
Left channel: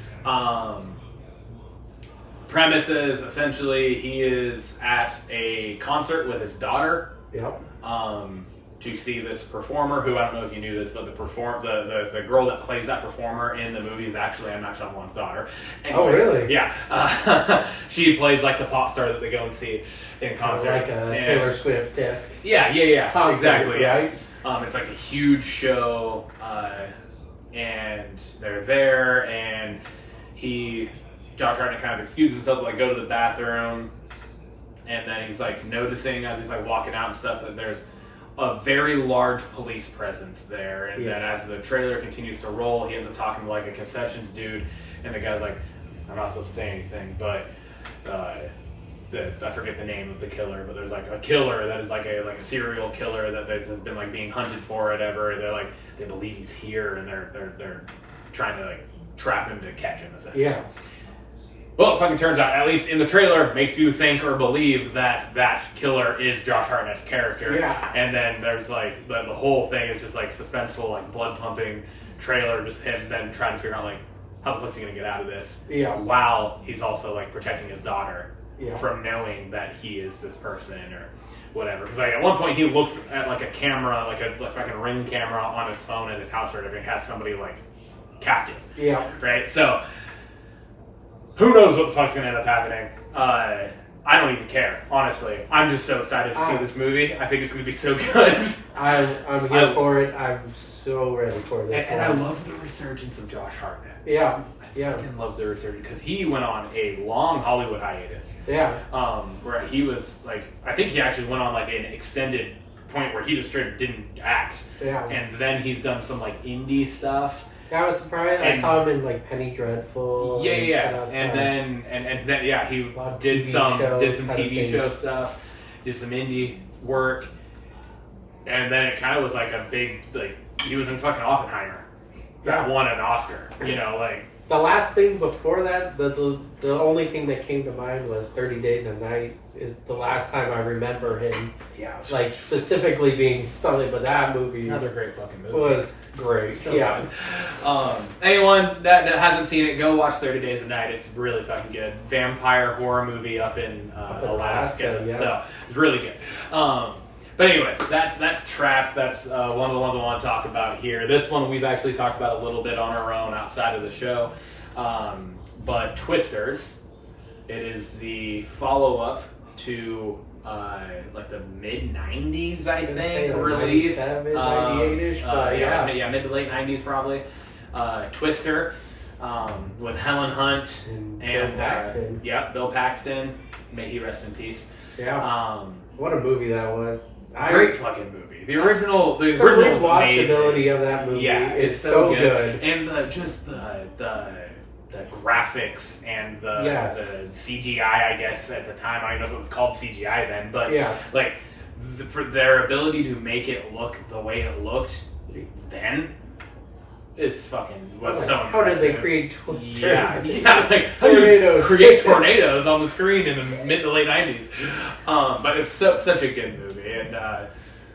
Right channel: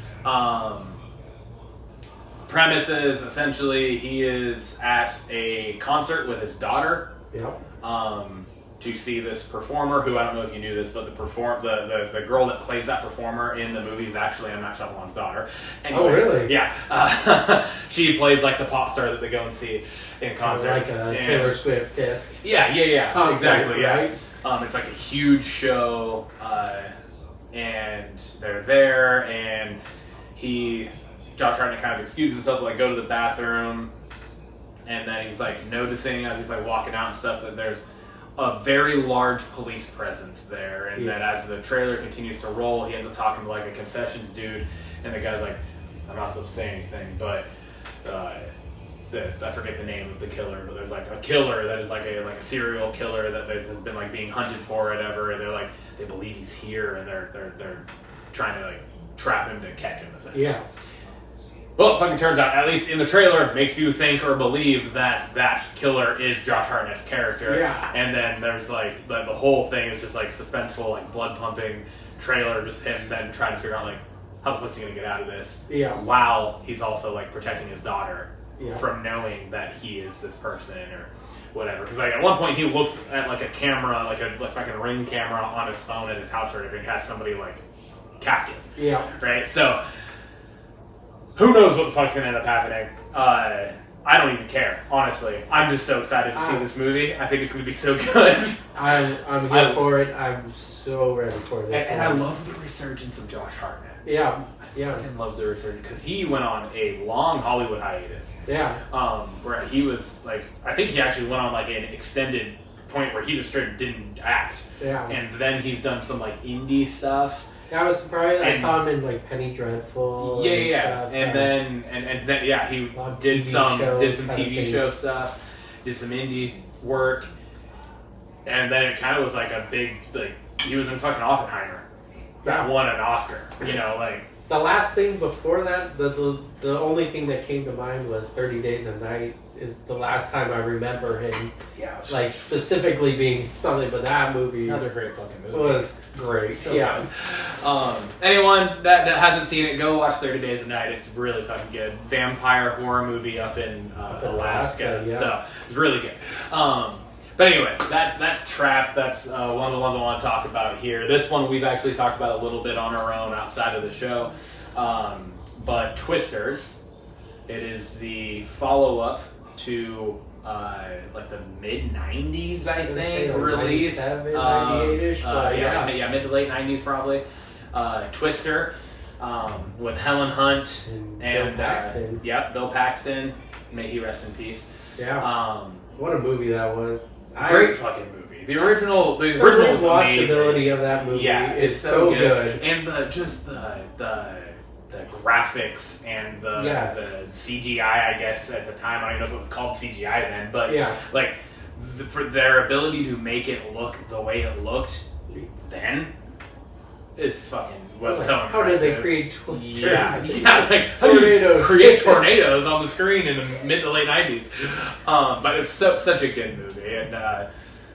Premise is essentially he is at a concert with his daughter. Yep. To see this performer, who I don't know if you knew this, but the girl that plays that performer in the movie is actually M. Night Shyamalan's daughter. Anyways, Oh, really? Yeah. She plays like the pop star that they go and see in concert. Like a Taylor Swift-esque. Yeah. Concert, Exactly, yeah. right? It's like a huge show, and they're there, and Josh Hartnett kind of excuses himself to like go to the bathroom, and then he's like noticing as he's like walking out and stuff that there's a very large police presence there, and then as the trailer continues to roll, he ends up talking to like a concessions dude, and the guy's like, I'm not supposed to say anything, but I forget the name of the killer, but there's like a killer that is like a serial killer that has been like being hunted for or whatever. They're like, they believe he's here, and they're trying to like trap him to catch him essentially. Yeah. Well, it fucking turns out, at least in the trailer, makes you think or believe that killer is Josh Hartnett's character. Yeah. And then there's like the whole thing is just like suspenseful, like blood pumping trailer, just him then trying to figure out like how the fuck's he gonna get out of this. Yeah. While he's also like protecting his daughter. Yeah. From knowing that he is this person or whatever. Because like at one point he looks at like a camera, like a fucking Ring camera on his phone at his house or whatever, and has somebody like captive. Yeah. Right? So who knows what the fuck's gonna end up happening. I don't even care, honestly. I'm just so excited to see this movie. I think it's gonna be so good. I'm here for it. I'm so ready for this. And I love the resurgence of Josh Hartnett. Yeah. I love the resurgence because he went on a long Hollywood hiatus. Yeah. Where he was like, I think he actually went on like an extended point where he just straight didn't act. Yeah. And then he's done some like indie stuff. I was surprised. I saw him in like Penny Dreadful. Yeah. Stuff. And then yeah, he did some TV show stuff, did some indie work, and then it kind of was like a big like he was in fucking Oppenheimer that won an Oscar. You know, like. The last thing before that, the only thing that came to mind was 30 Days a Night is the last time I remember him, like specifically being something. But that movie, Another great fucking movie, was great. So good. Anyone that hasn't seen it, go watch 30 Days a Night. It's really fucking good. Vampire horror movie up in Alaska. Yeah. So it's really good. But anyways, that's Trap. That's one of the ones I want to talk about here. This one we've actually talked about a little bit on our own outside of the show. But Twisters, it is the follow-up to like the mid-90s, I think, release. 97, 98-ish, but mid to late 90s probably. Twister with Helen Hunt and Bill Paxton. Bill Paxton. May he rest in peace. Yeah. What a movie that was. Great fucking movie. The original was amazing. Watchability of that movie is so good. And the graphics and the CGI, I guess at the time, I don't even know if it was called CGI then, but like for their ability to make it look the way it looked then is fucking was so impressive. How did they create Twisters? Yeah, like how do you create tornadoes on the screen in the mid to late 90s? But it's such a good movie, and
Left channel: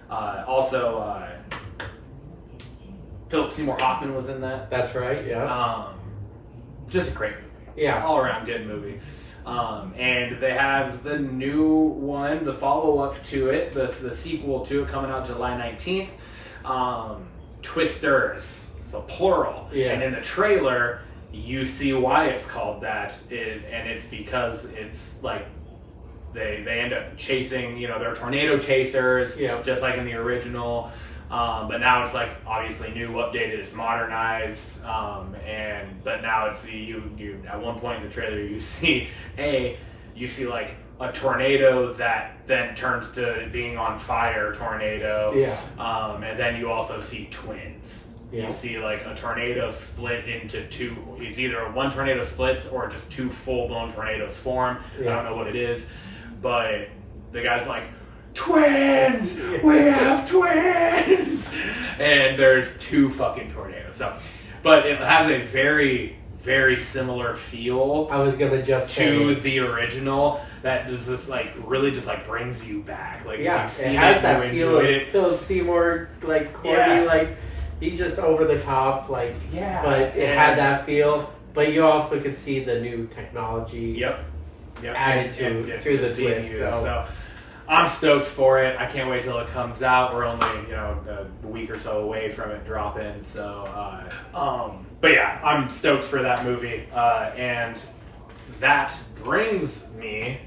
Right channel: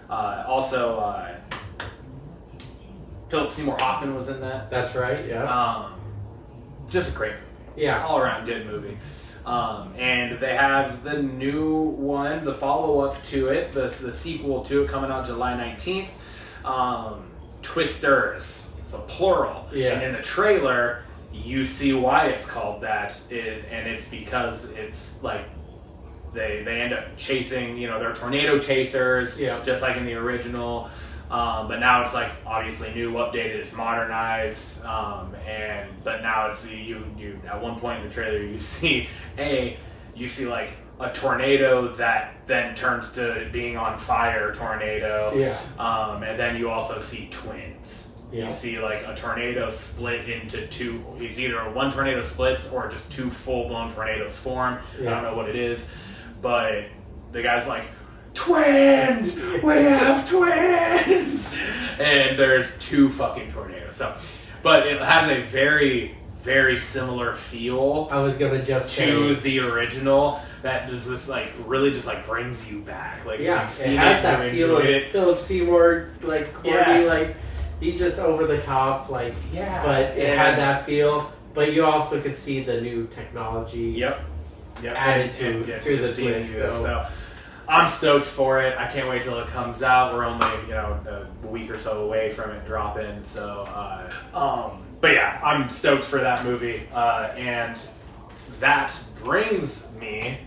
also Philip Seymour Hoffman was in that. That's right. Yeah. Just a great movie. Yeah. All around good movie. And they have the new one, the follow-up to it, the sequel to it coming out July 19th. Twisters. So plural. Yes. And in the trailer, you see why it's called that. And it's because it's like they end up chasing, they're tornado chasers, just like in the original. But now it's like obviously new, updated, it's modernized, but now it's you at one point in the trailer you see like a tornado that then turns to being on fire tornado. Yeah. And then you also see twins. Yeah. You see like a tornado split into two. It's either one tornado splits or just two full-blown tornadoes form. Yeah. I don't know what it is, but the guy's like, twins! We have twins! And there's two fucking tornadoes. So, but it has a very, very similar feel I was gonna just to say, the original. That does this like really just like brings you back. Like yeah, you've it seen has it, that you feel of enjoyed it. Philip Seymour, like corny, Yeah. like he's just over the top, like. Yeah, But it had that feel. But you also could see the new technology. Yep. Added to the being twist, good. so. So I'm stoked for it. I can't wait till it comes out. We're only a week or so away from it dropping. So, but yeah, I'm stoked for that movie. And that brings me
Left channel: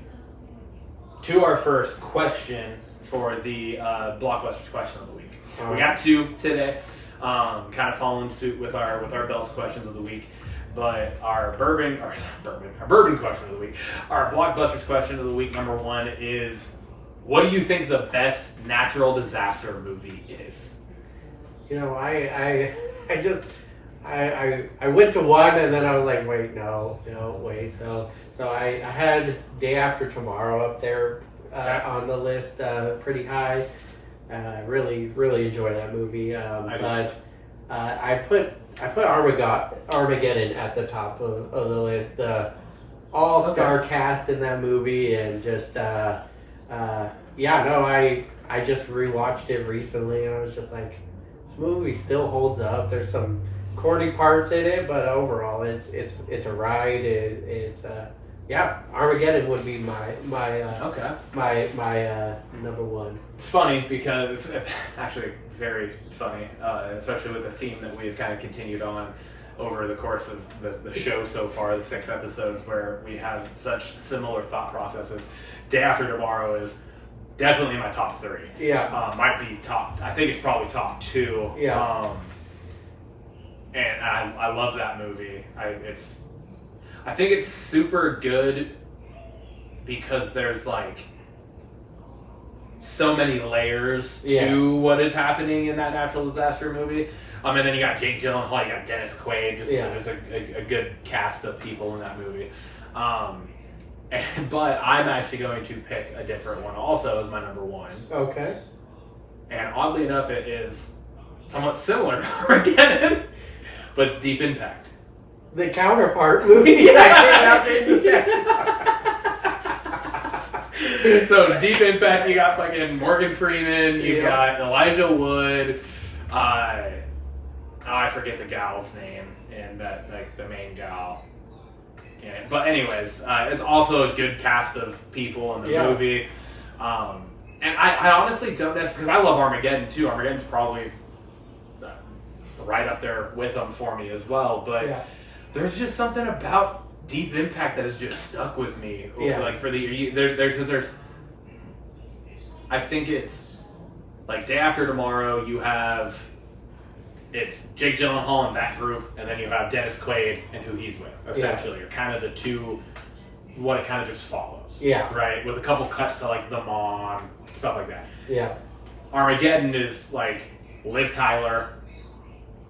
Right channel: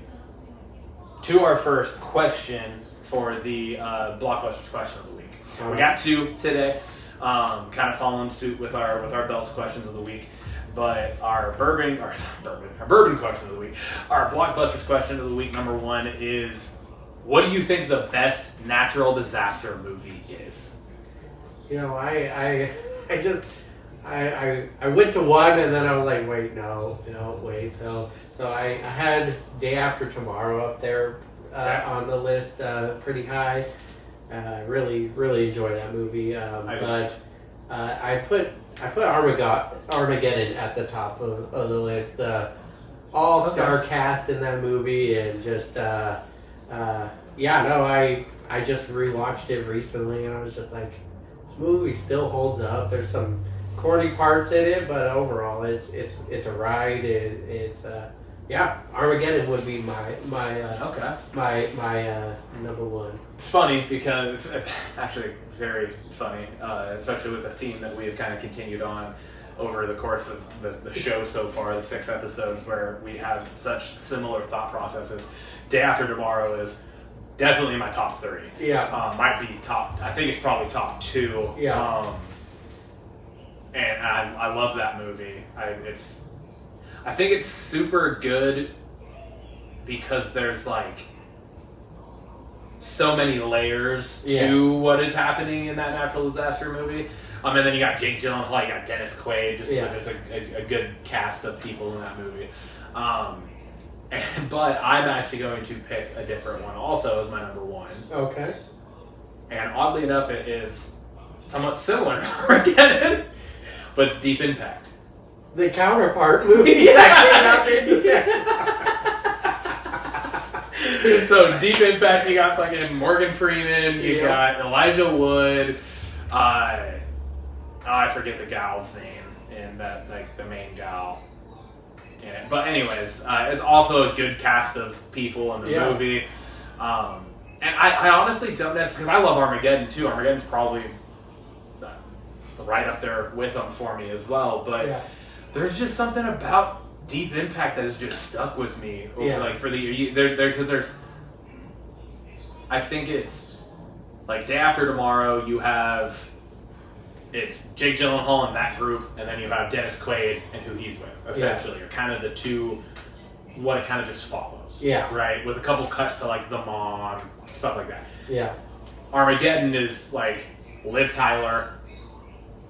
to our first question for the Blockbusters question of the week. We got two today, kind of following suit with our Belts questions of the week. But our bourbon question of the week, our Blockbusters question of the week, number one is, what do you think the best natural disaster movie is? You know, I went to one and then I was like, wait, no, wait. So I had Day After Tomorrow up there on the list, pretty high. Really enjoy that movie. But I put Armageddon at the top of the list. All-star cast in that movie, and just I just rewatched it recently, and I was just like, this movie still holds up. There's some corny parts in it, but overall, it's a ride. Armageddon would be my number one. It's funny because it's actually very funny, especially with the theme that we have kind of continued on over the course of the show so far, the 6 episodes, where we have such similar thought processes. Day After Tomorrow is definitely my top 3. Yeah. Might be top, I think it's probably top 2. Yeah. And I love that movie. I think it's super good because there's like so many layers to what is happening in that natural disaster movie. And then you got Jake Gyllenhaal, you got Dennis Quaid, just a good cast of people in that movie. But I'm actually going to pick a different one also as my number one. Okay. And oddly enough, it is somewhat similar to Armageddon, but it's Deep Impact. The counterpart movie that came out in December. So Deep Impact, you got fucking Morgan Freeman, you got Elijah Wood, I forget the gal's name, and that, like, the main gal. Yeah, but anyways, it's also a good cast of people in the movie. And I honestly don't necessarily, because I love Armageddon too. Armageddon's probably right up there with them for me as well, but there's just something about Deep Impact that has just stuck with me. Like for the because there's, I think it's like Day After Tomorrow. You have it's Jake Gyllenhaal and that group, and then you have Dennis Quaid and who he's with. Essentially, you're kind of the two. What it kind of just follows. Right, with a couple cuts to like the mom, stuff like that. Armageddon is like Liv Tyler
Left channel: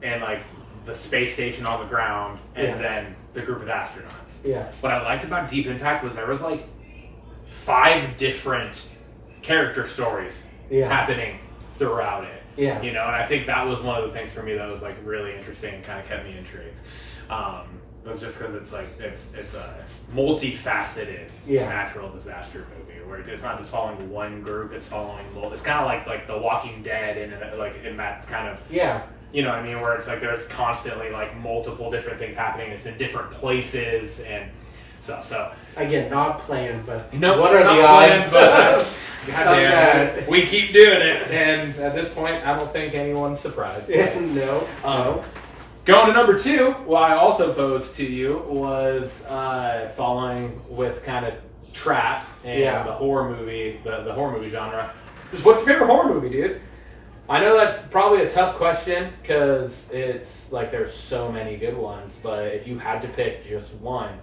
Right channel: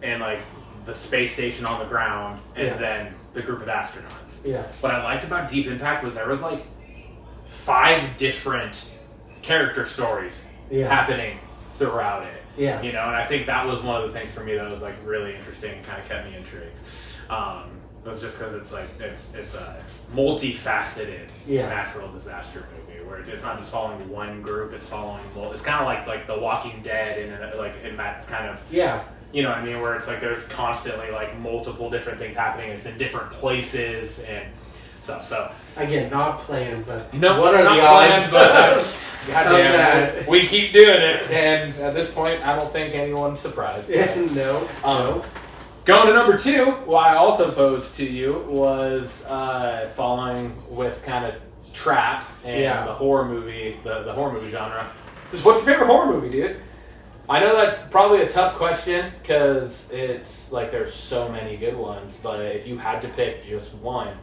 and like the space station on the ground, and then the group of astronauts. What I liked about Deep Impact was there was like 5 different character stories happening throughout it. You know, and I think that was one of the things for me that was like really interesting and kind of kept me intrigued. It was just because it's like it's a multifaceted natural disaster movie where it's not just following one group; it's following. It's kind of like The Walking Dead, and like in that kind of you know what I mean, where it's like there's constantly like multiple different things happening. It's in different places and stuff. So again, not planned, but what are the odds? Goddamn, we keep doing it, and at this point, I don't think anyone's surprised. No. Going to number 2, what I also posed to you was following with kind of trap and the horror movie, the horror movie genre. Just what's your favorite horror movie, dude? I know that's probably a tough question because it's like there's so many good ones, but if you had to pick just one,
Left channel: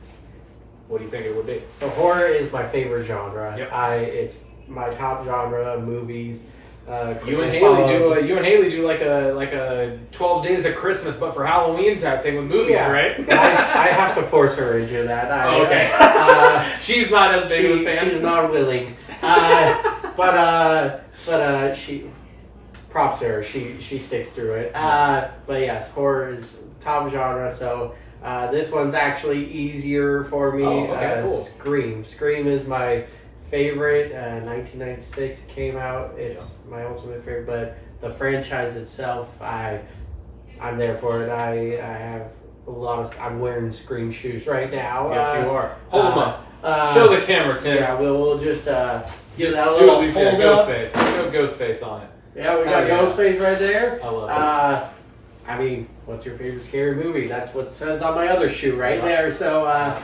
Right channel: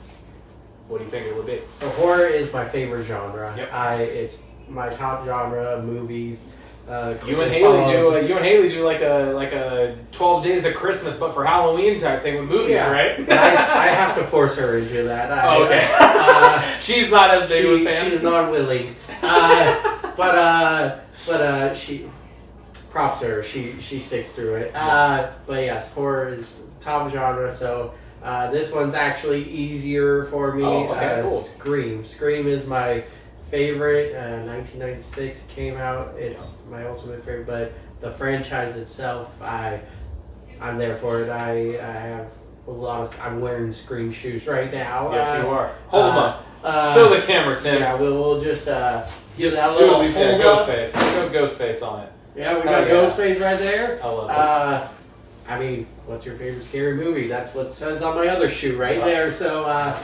what do you think it would be? So horror is my favorite genre. Yep. It's my top genre of movies. You and Haley do like a 12 Days of Christmas, but for Halloween type thing with movies, right? I have to force her into that. Okay. She's not as big of a fan. She's not willing. But she props her. She sticks through it. But yes, horror is top genre. So this one's actually easier for me. Oh, okay, cool. Scream is my favorite. 1996 came out. It's my ultimate favorite. But the franchise itself, I'm there for it. I have a lot of. I'm wearing Scream shoes right now. Yes, you are. Hold them up. Show the camera, Tim. Yeah, we'll just give that a little hold ghost up. face. Show ghost face on it. Yeah, we got Ghostface right there. I love it. I mean, what's your favorite scary movie? That's what it says on my other shoe right there. So,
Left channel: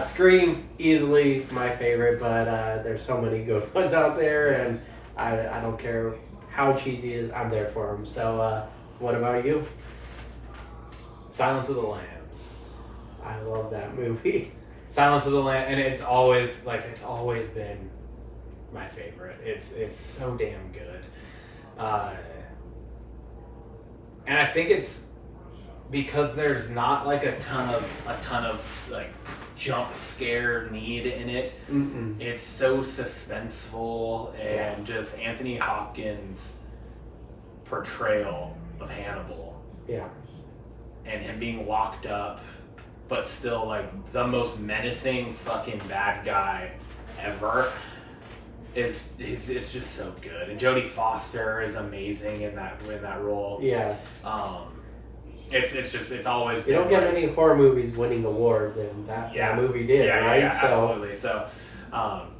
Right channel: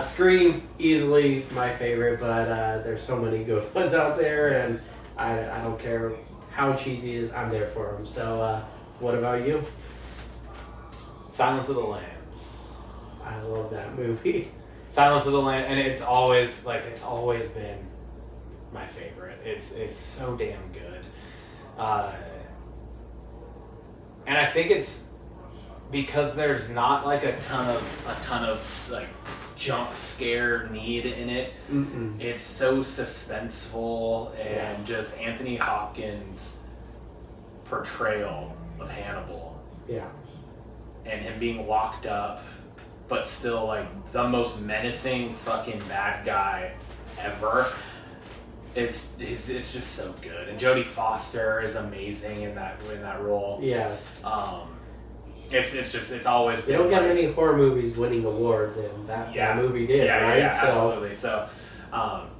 Scream, easily my favorite, but there's so many good ones out there, and I don't care how cheesy it is, I'm there for them. So, what about you? Silence of the Lambs. I love that movie. Silence of the Lambs, and it's always been my favorite. It's so damn good. And I think it's because there's not like a ton of like jump scare need in it. Mm-mm. It's so suspenseful, and just Anthony Hopkins' portrayal of Hannibal. Yeah. And him being locked up, but still like the most menacing fucking bad guy ever. It's just so good, and Jodie Foster is amazing in that role. Yes. It's always You don't get many horror movies winning awards, and that movie did, right? Yeah, absolutely. So,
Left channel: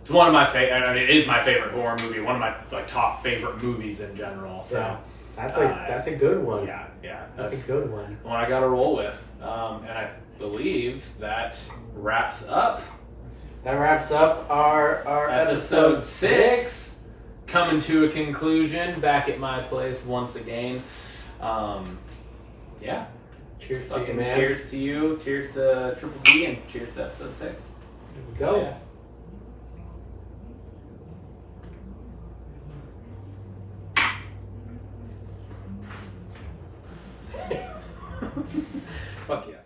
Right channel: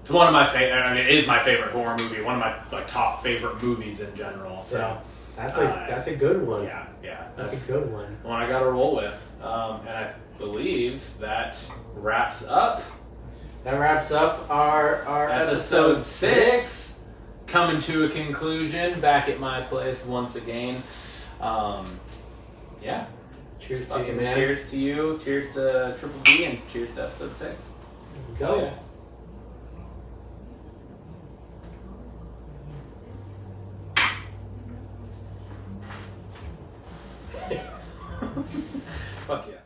it's one of my favorite. I mean, it is my favorite horror movie. One of my like top favorite movies in general. So that's a good one. Yeah, that's a good one. One I got to roll with, and I believe that wraps up. That wraps up our episode 6, coming to a conclusion. Back at my place once again. Yeah. Cheers to you, man. Cheers to you. Cheers to Triple B, and cheers to episode 6. Here we go. Fuck yeah.